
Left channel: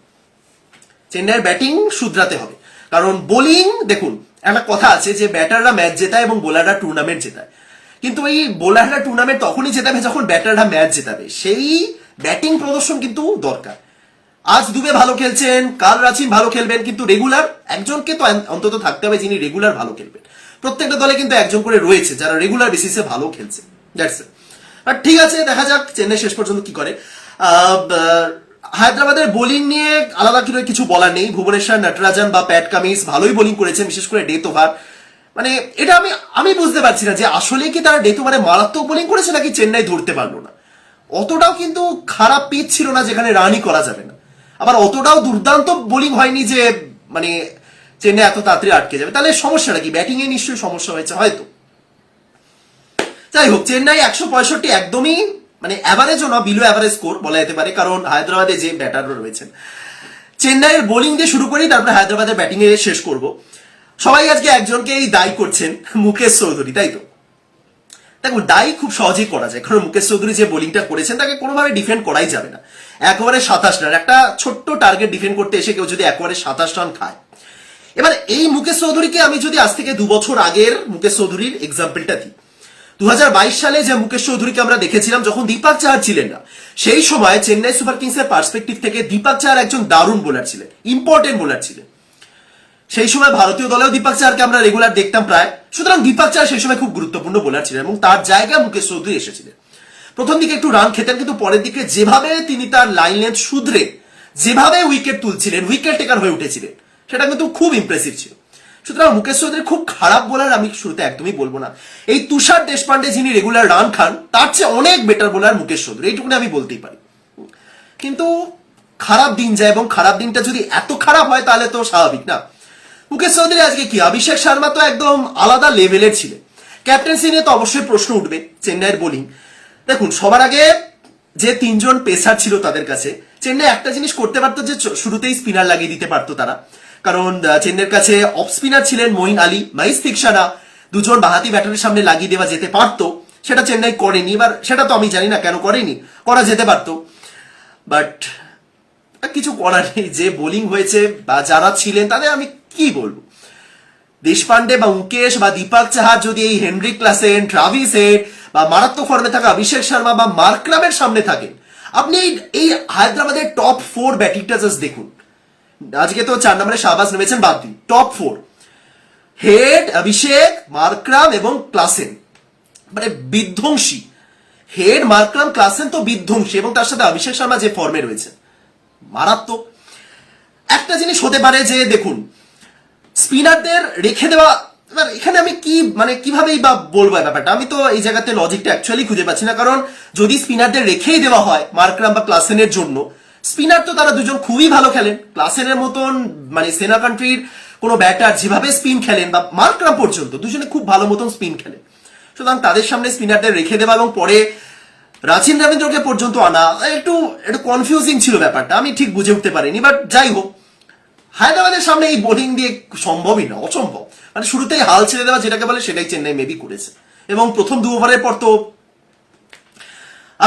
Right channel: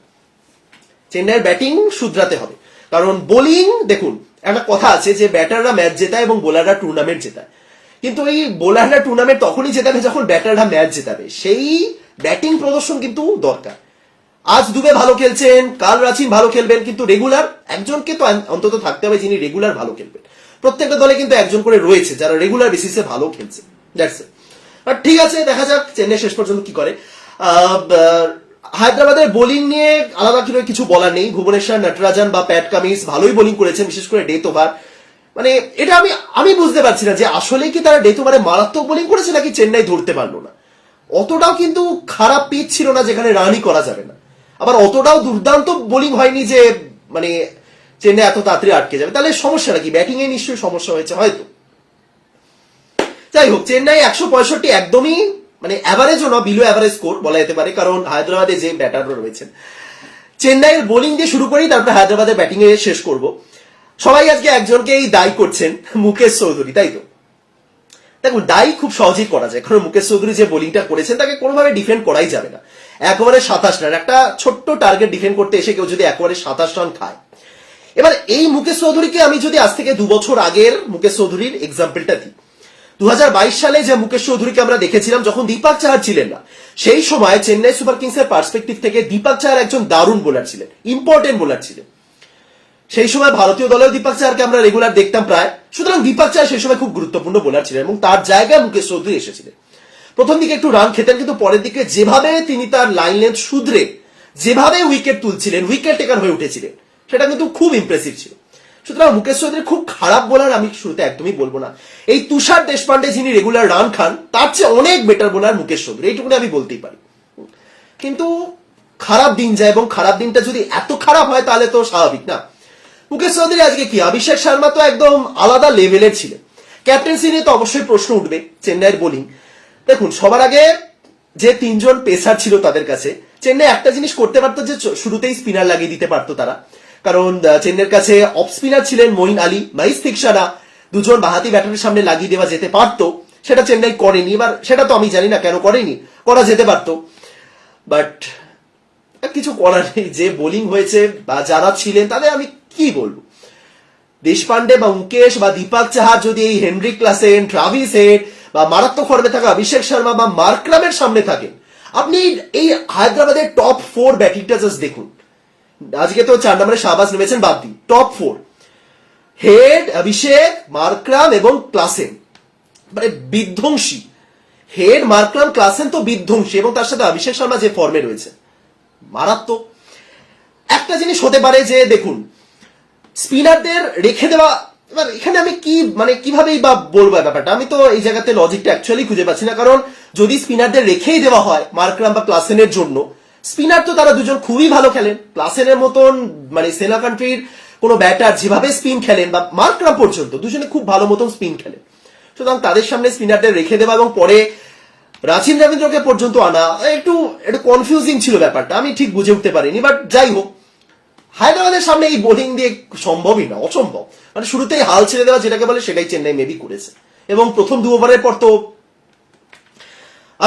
[SPEAKER 1] চেন্নাইয়ের ব্যাটিং শুধরাতে হবে। কারণ বোলিং দেখুন, একটা কথা আছে যে ব্যাটাররা ম্যাচ জেতায় এবং বোলাররা টুর্নামেন্ট জেতায়। কিন্তু এই বোলাররা টুর্নামেন্ট তখনই জেতাবে যখন ব্যাটাররা ম্যাচ জেতাবে। সেই ব্যাটিং প্রদর্শন কিন্তু দরকার। আজ দুবে ভালো খেলছেন, কাল রাচিন ভালো খেলবেন, কিন্তু রেগুলার একজনকে তো অন্তত থাকতে হবে যিনি রেগুলার ভালো খেলবেন। প্রত্যেকটা দলে কিন্তু একজন করে রয়েছে যারা রেগুলার বেসিসে ভালো খেলছে। ঠিক আছে, দেখা যাক, চেন্নাই শেষ পর্যন্ত কি করে। হায়দ্রাবাদের বোলিং নিয়ে আলাদা কিছু বলার নেই। ভুবনেশ্বর, নটরাজন বা প্যাট কামিন্স ভালোই বোলিং করেছেন, বিশেষ করে ডেথ ওভার মানে এটা আমি আমি বুঝতে পারছি না যে আসলে কি তারা ডেথ ওভারে মারাত্মক বোলিং করেছে নাকি চেন্নাই ধরতে পারল না। অতটাও কিন্তু খারাপ পিচ ছিল না যেখানে রানই করা যাবে না। আবার অতটাও দুর্দান্ত বোলিং হয়নি যে মানে চেন্নাই এত তাড়াতাড়ি আটকে যাবে। তাহলে সমস্যা নাকি ব্যাটিং এ নিশ্চয়ই সমস্যা হয়েছে হয়তো। যাই হোক, চেন্নাই একশো পঁয়ষট্টি একদমই মানে অ্যাভারেজও না বিলো অ্যাভারেজ স্কোর বলা যেতে পারে, কারণ হায়দ্রাবাদে যে ব্যাটাররা রয়েছেন। চেন্নাইয়ের বোলিং দিয়ে শুরু করি, তারপরে হায়দ্রাবাদের ব্যাটিং এ শেষ করব। সবাই আজকে একজনকেই দায়ী করছেন, মুকেশ চৌধুরী, তাই তো? দেখুন দায়ী খুব সহজেই করা যায়, কারণ মুকেশ চৌধুরী যে বোলিংটা করেছেন, তাকে কোনোভাবে ডিফেন্ড করাই যাবে না। একবারে সাতাশ রান একটা ছোট্ট টার্গেট ডিফেন্ড করতে এসে কেউ যদি একবারে সাতাশ রান খায়। এবার এই মুকেশ চৌধুরীকে আমি যদি আজ থেকে দু বছর আগের মুকেশ চৌধুরীর এক্সাম্পলটা দিই। সালে যে মুকেশ চৌধুরীকে আমরা দেখেছিলাম, যখন দীপক চাহার ছিলেন না, সেই সময় চেন্নাই সুপার কিংস এর পার্সপেক্টিভ থেকে দীপক চাহার একজন দারুণ বোলার ছিলেন, ইম্পর্টেন্ট বোলার ছিলেন। সেই সময় ভারতীয় দলেও দীপক চাহারকে আমরা রেগুলার দেখতাম প্রায়। সুতরাং দীপক চাহার সেই সময় খুব গুরুত্বপূর্ণ বোলার ছিলেন এবং তার জায়গায় মুকেশ চৌধুরী এসেছিলেন। প্রথম দিকে একটু রান খেতেন, কিন্তু পরের দিকে যেভাবে তিনি তার লাইন লেন্থ শুধরে, যেভাবে উইকেট তুলছিলেন উইকেট টেকার হয়ে উঠেছিলেন, সেটা কিন্তু খুব ইমপ্রেসিভ ছিল। সুতরাং মুকেশ চৌধুরী খুব খারাপ বোলার, আমি শুরুতে একদমই বলব না। এই তুষার দেশপান্ডে যিনি রেগুলার রান খান, তার চেয়ে অনেক বেটার বোলার মুকেশ চৌধুরী। এইটুকুনি আমি বলতেই পারি। কিন্তু খারাপ দিন যায় এবং খারাপ দিনটা যদি এত খারাপ হয়, তাহলে তো স্বাভাবিক না। মুকেশ চৌধুরী আজকে কি? অভিষেক শর্মা তো একদম আলাদা লেভেলের ছিলেন। ক্যাপ্টেন্সি নিয়ে তো অবশ্যই প্রশ্ন উঠবে চেন্নাইয়ের বোলিং দেখুন, সবার আগে যে তিনজন পেসার ছিল তাদের কাছে, চেন্নাই একটা জিনিস করতে পারতো যে শুরুতেই স্পিনার লাগিয়ে দিতে পারতো তারা। কারণ আহ, চেন্নাইয়ের কাছে অফ স্পিনার ছিলেন মঈন আলী মাইস ফিকসানা দুজন বাহাতি ব্যাটারের সামনে লাগিয়ে দেওয়া যেতে পারতো। সেটা চেন্নাই করেনি এবার সেটা তো আমি জানি না কেন করেনি করা যেতে পারতো। বাট কিছু করার নেই যে বোলিং হয়েছে বা যারা ছিলেন তাদের আমি কি বলব? দেশপান্ডে বা মুকেশ বা দীপক চাহার যদি এই হেনরি ক্লাসেন ট্রাভিস হেড বা মারাত্মক ফর্মে থাকা অভিষেক শর্মা বা মার্কলামের সামনে থাকেন আপনি এই হায়দ্রাবাদের টপ ফোর ব্যাটিংটা জাস্ট দেখুন। আজকে তো চার নম্বরে শাহবাজ নেমেছেন, বাদ দিন top four Head Abhishek Markram এবং ক্লাসেন মানে বিধ্বংসী। হেড মার্করাম ক্লাসেন তো বিধ্বংসী এবং তার সাথে অভিষেক শর্মা যে ফর্মে রয়েছে। মারাত্মক। একটা জিনিস হতে পারে যে, দেখুন স্পিনারদের রেখে দেওয়া এখানে আমি কি মানে কিভাবেই বা বলব ব্যাপারটা? আমি তো এই জায়গাতে লজিকটা অ্যাকচুয়ালি খুঁজে পাচ্ছি না, কারণ যদি স্পিনারদের রেখেই দেওয়া হয় মার্করাম বা ক্লাসেনের জন্য স্পিনার তো তারা দুজন খুবই ভালো খেলেন। ক্লাসেনের মতন মানে সেনা কান্ট্রির কোনো ব্যাটার যেভাবে স্পিন খেলেন বা মার্করাম পর্যন্ত, দুজনে খুব ভালো মতন স্পিন খেলেন। সুতরাং তাদের সামনে স্পিনারদের রেখে দেওয়া এবং পরে রাচিন রবীন্দ্রকে পর্যন্ত আনা, একটু একটু কনফিউজিং ছিল ব্যাপারটা, আমি ঠিক বুঝে উঠতে পারিনি বাট যাই হোক। হায়দ্রাবাদের সামনে এই বোলিং দিয়ে সম্ভবই না, অসম্ভব। মানে শুরুতেই হাল ছেড়ে দেওয়া যেটাকে বলে সেটাই চেন্নাই মেবি করেছে। এবং প্রথম দু ওভারের পর তো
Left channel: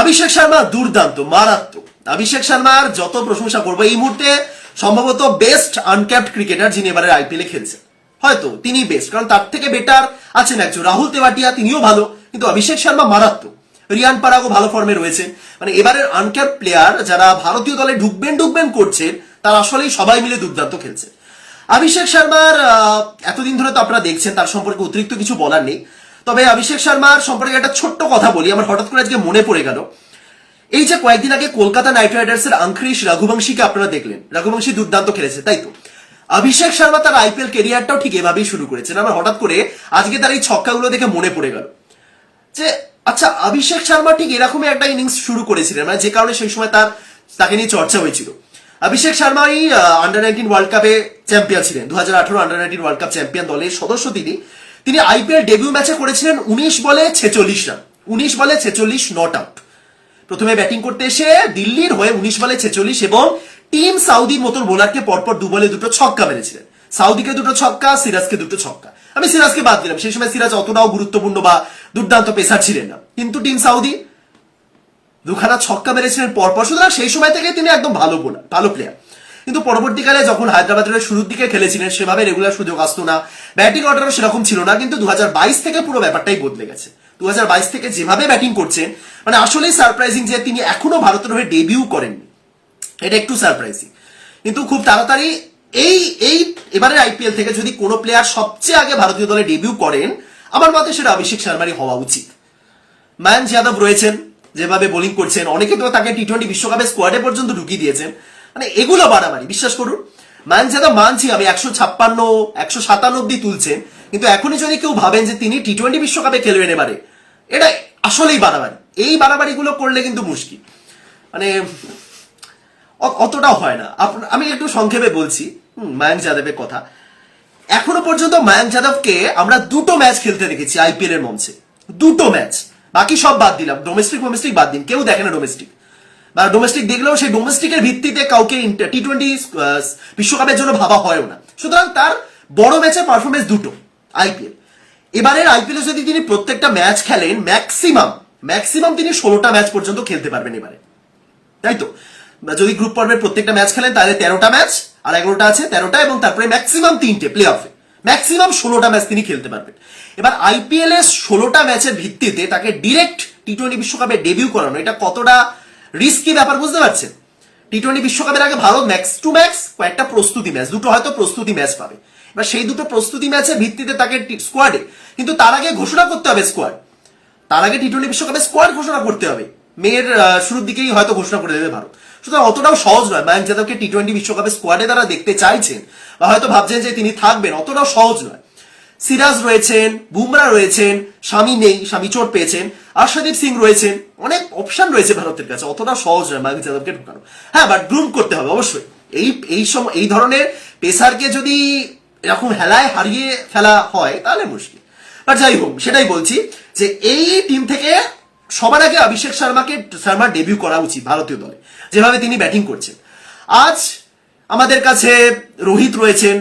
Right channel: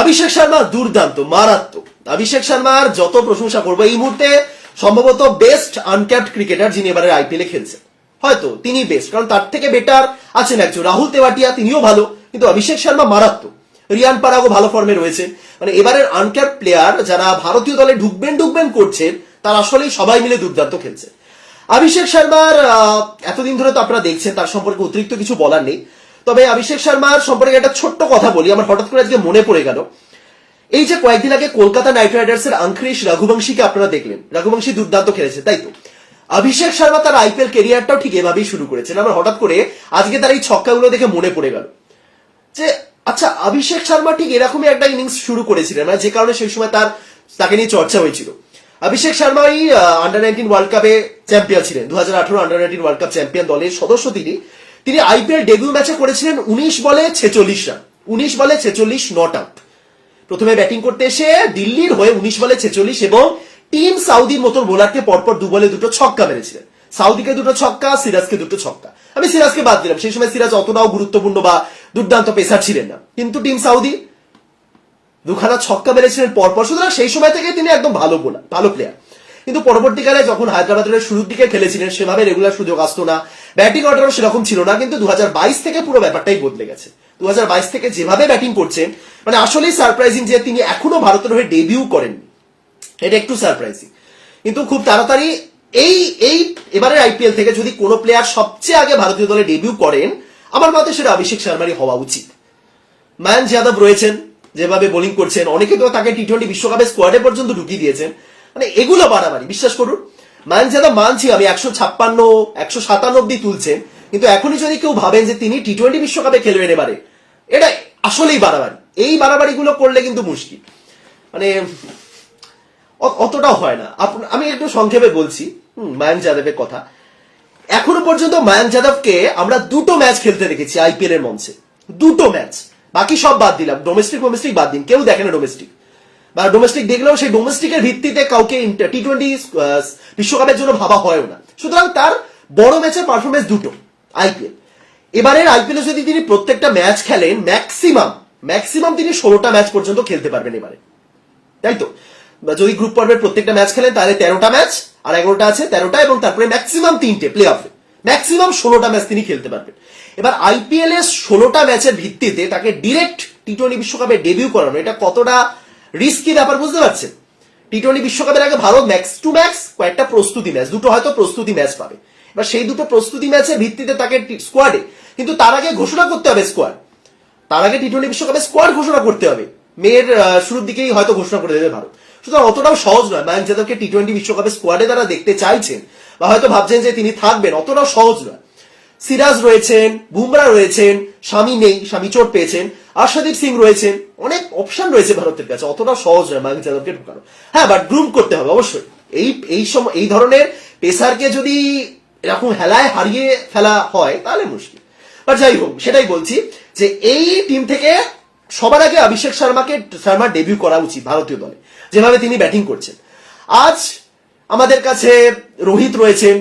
[SPEAKER 1] অভিষেক শর্মা দুর্দান্ত, মারাত্মক। অভিষেক শর্মার যত প্রশংসা করব এই মুহূর্তে সম্ভবত বেস্ট আনক্যাপ্ট ক্রিকেটার যিনি এবারে আইপিএলে খেলছেন। হয়তো তিনি বেস্ট কারণ তার থেকে বেটার আছেন একজন, রাহুল তেওয়াটিয়া, তিনিও ভালো, কিন্তু অভিষেক শর্মা মারাত্মক। রিয়ান পারাগও ভালো ফর্মে রয়েছে মানে এবারের আনক্যাপ প্লেয়ার যারা ভারতীয় দলে ঢুকবেন ঢুকবেন করছেন, তারা আসলেই সবাই মিলে দুর্দান্ত খেলছে। অভিষেক শর্মার এতদিন ধরে তো আপনারা দেখছেন, তার সম্পর্কে অতিরিক্ত কিছু বলার নেই। তবে অভিষেক শর্মার সম্পর্কে একটা ছোট্ট কথা বলি, আমার হঠাৎ করে আজকে মনে পড়ে গেল। এই যে কয়েকদিন আগে কলকাতা নাইট রাইডার্সের আঙ্ক্রিশ রঘুবংশীকে আপনারা দেখলেন, রঘুবংশী দুর্দান্ত খেলেছে, তাই তো? অভিষেক শর্মা তার আইপিএল কেরিয়ারটাও ঠিক এভাবেই শুরু করেছেন, আমার হঠাৎ করে আজকে তার এই ছক্কাগুলো দেখে মনে পড়ে গেল। যে আচ্ছা অভিষেক শর্মা ঠিক এরকমই একটা ইনিংস শুরু করেছিলেন মানে যে কারণে সেই সময় তার, তাকে নিয়ে চর্চা হয়েছিল। অভিষেক শর্মাই আন্ডার নাইনটিন ওয়ার্ল্ড কাপে চ্যাম্পিয়ন ছিলেন, দু হাজার আঠারো under nineteen world cup champion দলের সদস্য তিনি। তিনি আইপিএল ডেবিউ ম্যাচে করেছিলেন উনিশ বলে ছেচল্লিশ রান। উনিশ বলে ছেচল্লিশ নট আউট প্রথমে ব্যাটিং করতে এসে দিল্লির হয়ে উনিশ বলে ছেচল্লিশ এবং টিম সাউদির মতন বোলারকে পরপর দু বলে দুটো ছক্কা মেরেছিলেন। সাউদিকে দুটো ছক্কা, সিরাজকে দুটো ছক্কা। আমি সিরাজকে বাদ দিলাম। সেই সময় সিরাজ অতটাও গুরুত্বপূর্ণ বা দুর্দান্ত পেশা ছিলেন না। কিন্তু টিম সাউদি দুখানা ছক্কা মেরেছিলেন পরপর। সুতরাং সেই সময় থেকে তিনি একদম ভালো বোলার ভালো প্লেয়ার কিন্তু পরবর্তীকালে যখন হায়দ্রাবাদের শুরুর দিকে খেলেছিলেন, সেভাবে রেগুলার সুযোগ আসতো না। ব্যাটিং অর্ডারও সেরকম ছিল না, কিন্তু দু থেকে পুরো ব্যাপারটাই বদলে গেছে। দু হাজার বাইশ থেকে যেভাবে ব্যাটিং করছেন মানে আসলেই সারপ্রাইজিং যে তিনি এখনও ভারতের হয়ে ডেবিউ করেননি। এটা একটু সারপ্রাইজিং কিন্তু খুব তাড়াতাড়ি এই এই এবারের আইপিএল থেকে যদি কোনো প্লেয়ার সবচেয়ে আগে ভারতীয় দলে ডেবিউ করেন, আমার মতে সেটা অভিষেক শর্মারই হওয়া উচিত। ম্যান যাদব রয়েছেন, যেভাবে বোলিং করছেন, অনেকে তো তাকে টি টোয়েন্টি বিশ্বকাপে স্কোয়াডে পর্যন্ত ঢুকিয়ে দিয়েছেন। মানে এগুলো বাড়াবাড়ি, বিশ্বাস করুন। ম্যান যাদব মানছি আমি, একশো ছাপ্পান্ন, একশো সাতান্ন অব্দি তুলছেন, কিন্তু এখনই যদি কেউ ভাবেন যে তিনি টি টোয়েন্টি বিশ্বকাপে খেলবেন এবারে, এটা আসলেই বাড়াবাড়ি। এই বাড়াবাড়িগুলো করলে কিন্তু মুশকিল। মানে অতটাও হয় না। আমি একটু সংক্ষেপে বলছি মায়াঙ্ক যাদবের কথা। এখনও পর্যন্ত মায়াঙ্ক যাদবকে আমরা দুটো ম্যাচ খেলতে দেখেছি আইপিএল এর মঞ্চে। দুটো ম্যাচ। বাকি সব বাদ দিলাম। ডোমেস্টিক ডোমেস্টিক বাদ দিন। কেউ দেখে না ডোমেস্টিক বা ডোমেস্টিক দেখলেও সেই ডোমেস্টিকের ভিত্তিতে কাউকে টি টোয়েন্টি বিশ্বকাপের জন্য ভাবা হয়ও না। সুতরাং তার বড় ম্যাচের পারফরমেন্স দুটো আইপিএল এবারের আইপিএল যদি তিনি প্রত্যেকটা ম্যাচ খেলেন ম্যাক্সিমাম ম্যাক্সিমাম তিনি ষোলোটা ম্যাচ পর্যন্ত খেলতে পারবেন এবারে। তাই তো? যদি গ্রুপ পর্বের প্রত্যেকটা ম্যাচ খেলেন, তাহলে তেরোটা ম্যাচ, আর এগারোটা আছে তেরোটা, এবং তারপরে ম্যাক্সিমাম তিনটে প্লে অফে ম্যাক্সিমাম ষোলোটা ম্যাচ তিনি খেলতে পারবেন। এবার আইপিএল এর ষোলোটা ম্যাচের ভিত্তিতে তাকে ডিরেক্ট টি টোয়েন্টি বিশ্বকাপে ডেবিউ করানো, এটা কতটা রিস্কি ব্যাপার, বুঝতে পারছেন? টি টোয়েন্টি বিশ্বকাপের আগে ভারত ম্যাক্স টু ম্যাক্স কয়েকটা প্রস্তুতি ম্যাচ দুটো হয়তো প্রস্তুতি ম্যাচ পাবে। এবার সেই দুটো প্রস্তুতি ম্যাচের ভিত্তিতে তাকে স্কোয়াডে কিন্তু তার আগে ঘোষণা করতে হবে স্কোয়াড তার আগে টি টোয়েন্টি বিশ্বকাপে স্কোয়াড ঘোষণা করতে হবে। মেয়ের শুরুর দিকেই হয়তো ঘোষণা করে দেবে ভারত। সুতরাং অতটাও সহজ নয়, মায়াঙ্ক যাদবকে টি টোয়েন্টি বিশ্বকাপে স্কোয়াডে তারা দেখতে চাইছেন, বা হয়তো ভাবছেন যে তিনি থাকবেন, অতটাও সহজ নয়। সিরাজ রয়েছেন, বুমরা রয়েছেন, স্বামী নেই, স্বামী চোট পেয়েছেন, আশাদীপ সিং রয়েছেন, অনেক অপশন রয়েছে ভারতের কাছে, অতটা সহজ নয় মায়াঙ্ক যাদবকে ঢোকানো। হ্যাঁ বাট গ্রুম করতে হবে, অবশ্যই। এই এই সময় এই ধরনের পেসারকে যদি এরকম হেলায় হারিয়ে ফেলা হয়, তাহলে মুশকিল। বাট যাই হোক, সেটাই বলছি যে এই টিম থেকে সবার আগে অভিষেক শর্মাকে শর্মার ডেবিউ করা উচিত ভারতীয় দলে, যেভাবে তিনি ব্যাটিং করছেন। আজ আমাদের কাছে রোহিত রয়েছেন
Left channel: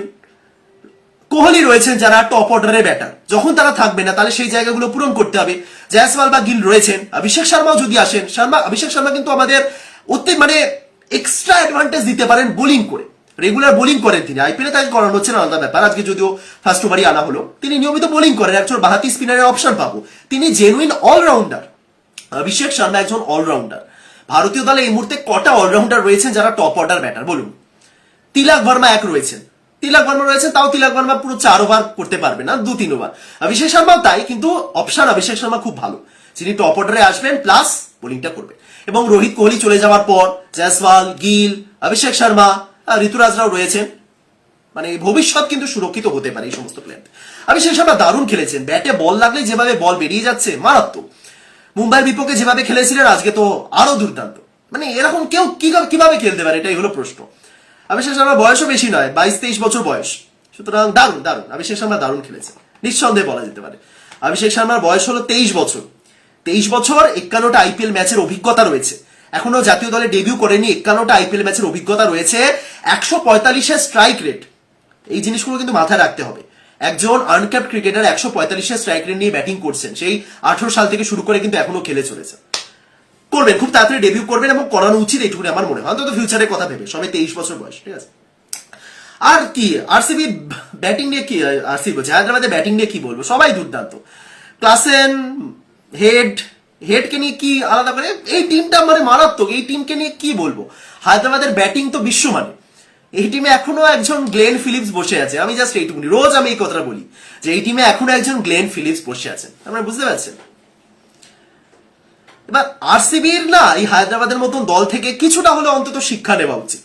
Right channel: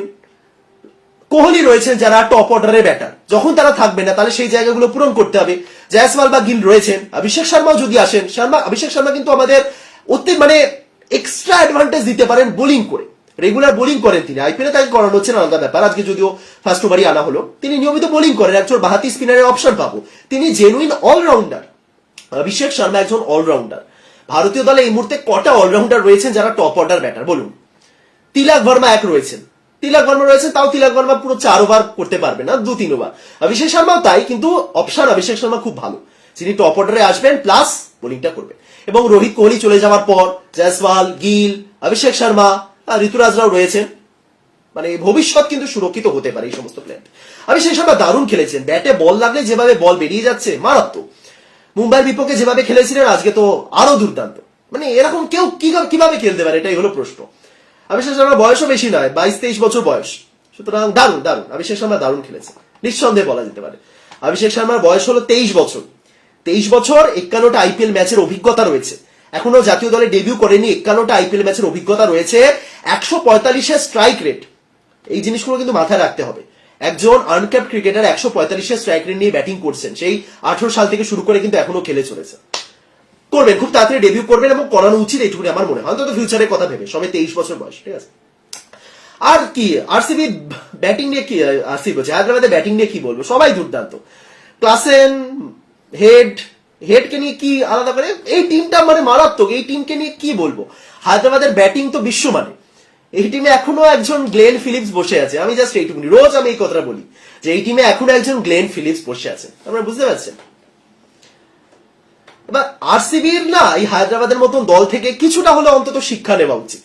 [SPEAKER 1] কোহলি রয়েছেন যারা টপ অর্ডারের ব্যাটার যখন তারা থাকবে না, তাহলে সেই জায়গাগুলো পূরণ করতে হবে। জয়সওয়াল বা গিল রয়েছেন। অভিষেক শর্মাও যদি আসেন, শর্মা অভিষেক শর্মা কিন্তু আমাদের অতি মানে এক্সট্রা অ্যাডভান্টেজ দিতে পারেন বোলিং করে। রেগুলার বোলিং করেন তিনি। আইপিএলে তাকে করানো হচ্ছে না, আলাদা ব্যাপার। আজকে যদিও ফার্স্ট ওভারই আনা হলো। তিনি নিয়মিত বোলিং করেন। একজন বাহাতি স্পিনারের অপশন পাবো। তিনি জেনুইন অলরাউন্ডার অভিষেক শর্মা একজন অলরাউন্ডার ভারতীয় দলে এই মুহূর্তে কটা অলরাউন্ডার রয়েছেন যারা টপ অর্ডার ব্যাটার বলুন। তিলাক ভার্মা এক রয়েছেন। তিলক বর্মা রয়েছেন তাও তিলক বর্মা পুরো চার ওভার করতে পারবে না, দু তিন ওভার অভিষেক শর্মাও তাই, কিন্তু অপশন অভিষেক শর্মা খুব ভালো। যিনি টপ অর্ডারে আসবেন প্লাস বোলিংটা করবেন এবং রোহিত কোহলি চলে যাওয়ার পর, জয়সওয়াল, গিল, অভিষেক শর্মা ঋতুরাজরাও রয়েছেন। মানে ভবিষ্যৎ কিন্তু সুরক্ষিত হতে পারে এই সমস্ত প্লেয়ার অভিষেক শর্মা দারুণ খেলেছেন, ব্যাটে বল লাগলে যেভাবে বল বেরিয়ে যাচ্ছে, মারাত্মক। মুম্বাইয়ের বিপক্ষে যেভাবে খেলেছিলেন, আজকে তো আরও দুর্দান্ত। মানে এরকম কেউ কীভাবে খেলতে পারে, এটাই হলো প্রশ্ন। অভিষেক শর্মার বয়সও বেশি নয়, বাইশ, তেইশ বছর বয়স। সুতরাং দারুণ দারুণ। অভিষেক শর্মা দারুণ খেলেছে। নিঃসন্দেহে বলা যেতে পারে। অভিষেক শর্মার বয়স হলো তেইশ বছর। তেইশ বছর একান্নটা আইপিএল ম্যাচের অভিজ্ঞতা রয়েছে। এখনও জাতীয় দলে ডেবিউ করেনি একান্নটা আইপিএল ম্যাচের অভিজ্ঞতা রয়েছে। একশো পঁয়তাল্লিশের স্ট্রাইক রেট এই জিনিসগুলো কিন্তু মাথায় রাখতে হবে। একজন আনক্যাপ ক্রিকেটার একশো পঁয়তাল্লিশের স্ট্রাইক রেট নিয়ে ব্যাটিং করছেন। সেই আঠারো সাল থেকে শুরু করে কিন্তু এখনও খেলে চলেছে। করবেন, খুব তাড়াতাড়ি ডেবিউ করবেন এবং করানো উচিত এইটুকুনি আমার মনে হয়। অন্তত ফিউচারের কথা ভেবে, সবাই তেইশ বছর বয়স, ঠিক আছে? আর কি আরসিবি ব্যাটিং নিয়ে কি আরসিবি বলছে হায়দ্রাবাদের ব্যাটিং নিয়ে কি বলব? সবাই দুর্দান্ত। ক্লাসেন, হেড, হেডকে নিয়ে কি আলাদা করে? এই টিমটা মানে মারাত্মক, এই টিমকে নিয়ে কি বলব? হায়দ্রাবাদের ব্যাটিং তো বিশ্বমানে এই টিমে এখনও একজন গ্লেন ফিলিপস বসে আছে। আমি জাস্ট এইটুকুনি, রোজ আমি এই কথাটা বলি যে, এই টিমে এখনও একজন গ্লেন ফিলিপস বসে আছেন আপনারা বুঝতে পারছেন? এবার আরসিবির না এই হায়দ্রাবাদের মতন দল থেকে কিছুটা হলে অন্তত শিক্ষা নেওয়া উচিত।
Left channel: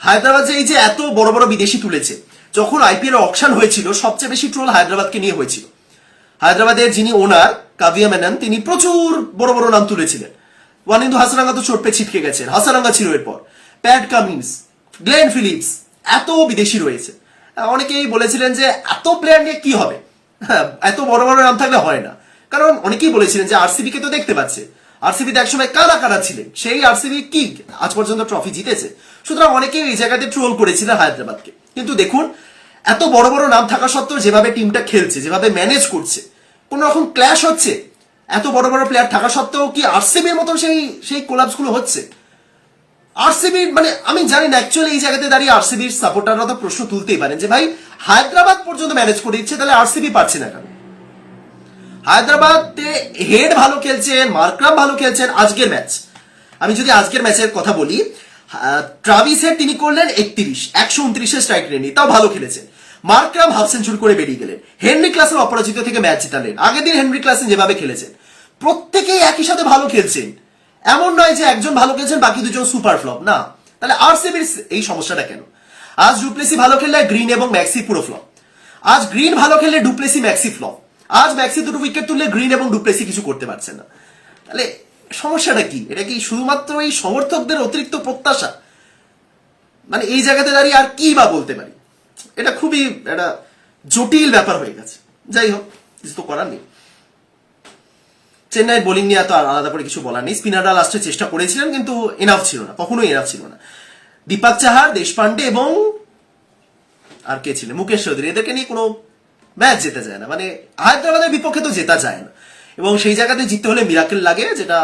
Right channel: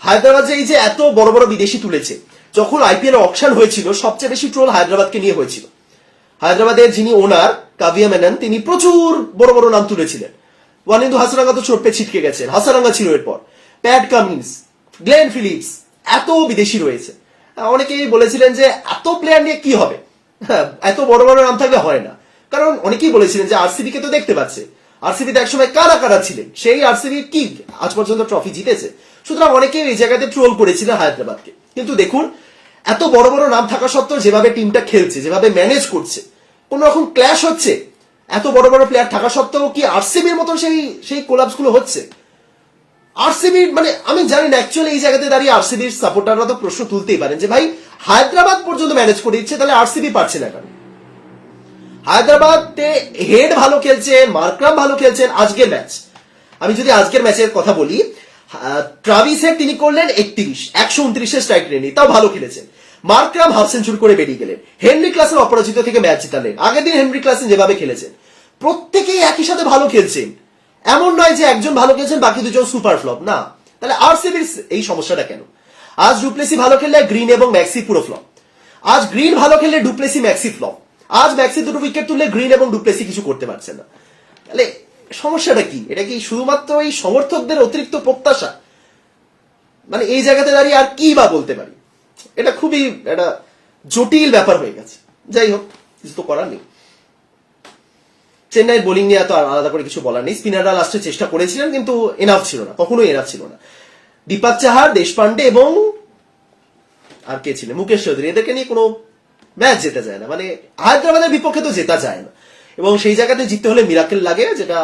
[SPEAKER 1] হায়দ্রাবাদ যে এই যে এত বড় বড় বিদেশি তুলেছে যখন আইপিএল অকশন হয়েছিল সবচেয়ে বেশি ট্রোল হায়দ্রাবাদকে নিয়ে হয়েছিল। হায়দ্রাবাদের যিনি ওনার কাভিয়া মেনন তিনি প্রচুর বড় বড় নাম তুলেছিলেন। ওয়ানিন্দু হাসারাঙ্গা তো চোট পেয়ে ছিটকে গেছেন। হাসারাঙ্গা ছিল এরপর। প্যাট কামিন্স গ্লেন ফিলিপস এত বিদেশি রয়েছে। অনেকেই বলেছিলেন যে এত প্লেয়ার নিয়ে কি হবে? হ্যাঁ, এত বড় বড় নাম থাকলে হয় না। কারণ অনেকেই বলেছিলেন যে আরসিবি কে তো দেখতে পাচ্ছে। আরসিবি তো একসময় কারা কারা ছিলেন? সেই আরসিবি কি? আজ পর্যন্ত ট্রফি জিতেছে। সুতরাং অনেকে এই জায়গাতে ট্রোল করেছিলেন হায়দ্রাবাদকে। কিন্তু দেখুন, এত বড় বড় নাম থাকা সত্ত্বেও যেভাবে টিমটা খেলছে, যেভাবে ম্যানেজ করছে, কোন রকম ক্ল্যাশ হচ্ছে, এত বড় বড় প্লেয়ার থাকা সত্ত্বেও কি আরসিবির মতন সেই সেই কোলাপসগুলো হচ্ছে আরসিবি মানে আমি জানি না অ্যাকচুয়ালি এই জায়গাতে দাঁড়িয়ে আরসিবির সাপোর্টাররা তো প্রশ্ন তুলতেই পারেন যে, ভাই, হায়দ্রাবাদ পর্যন্ত ম্যানেজ করে দিচ্ছে, তাহলে আরসিবি পারছে না কেন? হায়দ্রাবাদে হেড ভালো খেলছেন মার্করাম ভালো খেলছেন আজকের ম্যাচ। আমি যদি আজকের ম্যাচের কথা বলি ট্রাভিস হেড তিনি করলেন একত্রিশ, একশো উনত্রিশের স্ট্রাইক রেনি, তাও ভালো খেলেছেন। মার্করাম হাফ সেঞ্চুরি করে বেরিয়ে গেলেন। হেনরি ক্লাসের অপরাজিত থেকে ম্যাচ জিতালেন। আগের দিন হেনরি ক্লাসেন যেভাবে খেলেছেন, প্রত্যেকেই একই সাথে ভালো খেলছেন। এমন নয় যে একজন ভালো খেলছেন, বাকি দুজন সুপার ফ্লপ, না। তাহলে আরসিবির এই সমস্যাটা কেন? আজ ডুপ্লেসি ভালো খেললে গ্রিন এবং ম্যাক্সি পুরো ফ্লপ। আজ গ্রিন ভালো খেললে ডুপ্লেসি ম্যাক্সি ফ্লপ। আজ ম্যাক্সি দুটো উইকেট তুললে গ্রিন এবং ডুপ্লেসি কিছু করতে পারছে না। তাহলে সমস্যাটা কি? এটা কি শুধুমাত্র এই সমর্থকদের অতিরিক্ত প্রত্যাশা? মানে এই জায়গাতে দাঁড়িয়ে আর কি বা বলতে পারি? এটা খুবই একটা জটিল ব্যাপার হয়ে গেছে। যাই হোক, কিছু তো করার নেই। চেন্নাইয়ের বোলিং নিয়ে এত আর আলাদা করে কিছু বলার নেই। স্পিনাররা লাস্টে চেষ্টা করেছিলেন, কিন্তু এনাফ ছিল না, কখনোই এনাফ ছিল না। দীপক চাহার দেশপান্ডে এবং আর কে ছিলেন? মুকেশ চৌধুরী। এদেরকে নিয়ে কোনো ম্যাচ জেতা যায় না। মানে হায়দ্রাবাদের বিপক্ষে তো জেতা যায় না। এবং সেই জায়গাতে জিততে হলে মিরাকেল লাগে, যেটা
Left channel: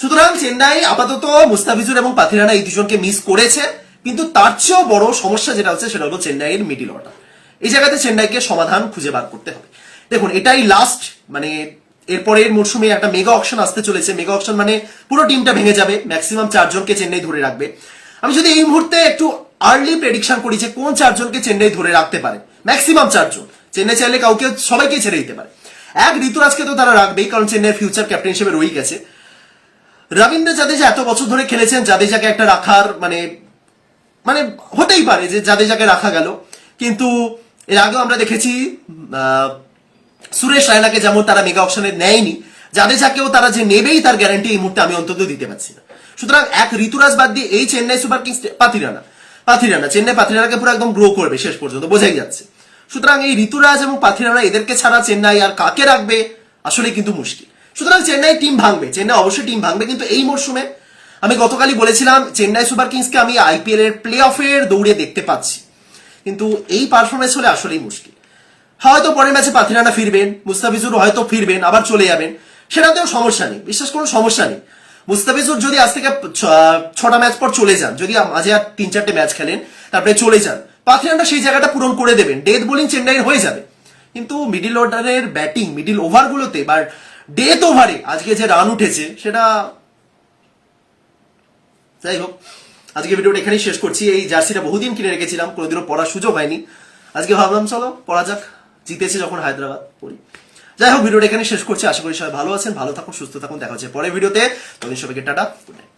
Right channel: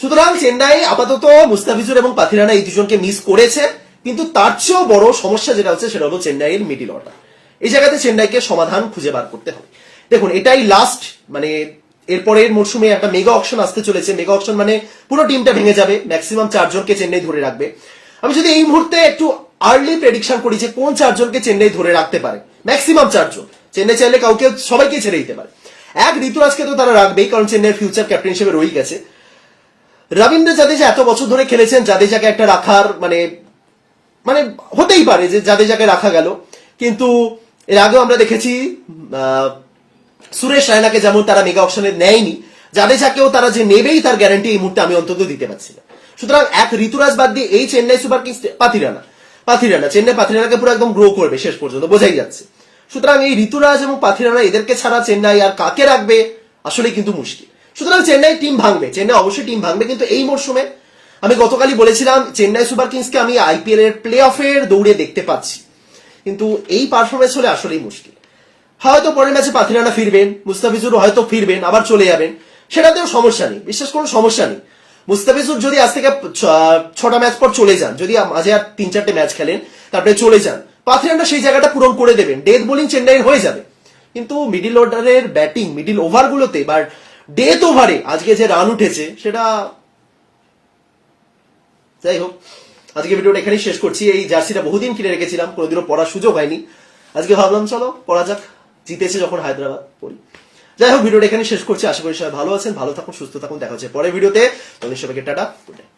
[SPEAKER 1] সুতরাং চেন্নাই আপাতত মুস্তাফিজুর এবং পাথিরানা এই দুজনকে মিস করেছে, কিন্তু তার চেয়েও বড় সমস্যা যেটা হচ্ছে, সেটা হলো চেন্নাইয়ের মিডিল অর্ডার এই জায়গাতে চেন্নাইকে সমাধান খুঁজে বার করতে হবে। দেখুন, এটাই লাস্ট মানে এরপরের মরশুমে একটা মেগা অপশন আসতে চলেছে। মেগা অপশন মানে পুরো টিমটা ভেঙে যাবে ম্যাক্সিমাম চারজনকে চেন্নাই ধরে রাখবে। আমি যদি এই মুহূর্তে একটু আর্লি প্রেডিকশন করি যে কোন চারজনকে চেন্নাই ধরে রাখতে পারে ম্যাক্সিমাম চারজন। চেন্নাই চাইলে কাউকে, সবাইকে ছেড়ে দিতে পারে। এক ঋতুরাজকে তো তারা রাখবেই, কারণ চেন্নাইয়ের ফিউচার ক্যাপ্টেন হিসেবে রয়ে গেছে। রবীন্দ্র জাদেজা এত বছর ধরে খেলেছেন, জাদেজাকে একটা রাখার মানে মানে হতেই পারে যে জাদেজাকে রাখা গেল। কিন্তু এর আগেও আমরা দেখেছি সুরেশ রায়নাকে যেমন তারা মেগা অপশনে নেয়নি, জাদেজাকেও তারা যে নেবেই তার গ্যারান্টি এই মুহূর্তে আমি অন্তত দিতে পারছি না। সুতরাং এক ঋতুরাজ বাদ দিয়ে এই চেন্নাই সুপার কিংস পাথিরানা পাথিরানা, চেন্নাই পাথিরানাকে পুরো একদম গ্রো করবে শেষ পর্যন্ত, বোঝাই যাচ্ছে। সুতরাং এই ঋতুরাজ এবং পাথিরানা এদেরকে ছাড়া চেন্নাই আর কাকে রাখবে আসলে কিন্তু মুশকিল। সুতরাং চেন্নাই টিম ভাঙবে, চেন্নাই অবশ্যই টিম ভাঙবে, কিন্তু এই মরশুমে আমি গতকালই বলেছিলাম, চেন্নাই সুপার কিংসকে আমি আইপিএল এর প্লে অফের দৌড়ে দেখতে পাচ্ছি। কিন্তু এই পারফরমেন্স হলে আসলেই মুশকিল। হয়তো পরের ম্যাচে পাথিরানা ফিরবেন, মুস্তাফিজুর হয়তো ফিরবেন, আবার চলে যাবেন, সেটাতেও সমস্যা নেই, বিশ্বাস কোনো সমস্যা নেই। মুস্তাফিজুর যদি আজ থেকে ছটা ম্যাচ পর চলে যান, যদি মাঝে আর তিন চারটে ম্যাচ খেলেন, তারপরে চলে যান পাথিরানা সেই জায়গাটা পূরণ করে দেবেন ডেথ বোলিং চেন্নাইয়ের হয়ে যাবে। কিন্তু মিডিল অর্ডারের ব্যাটিং মিডিল ওভারগুলোতে বা ডেথ ওভারে আজকে যে রান উঠেছে, সেটা যাই হোক, আজকে ভিডিওটা এখানেই শেষ করছি। এই জার্সিটা বহুদিন কিনে রেখেছিলাম, কোনোদিনও পড়ার সুযোগ হয়নি। আজকে ভাবলাম, চলো, পড়া যাক। জিতেছে যখন হায়দ্রাবাদ, পড়ি। যাই হোক, ভিডিওটা এখানে শেষ করছি। আশা করি সবাই ভালো আছেন, ভালো থাকুন, সুস্থ থাকুন। দেখা হচ্ছে পরে ভিডিওতে। তখন সবাইকে টাটা গুড নাইট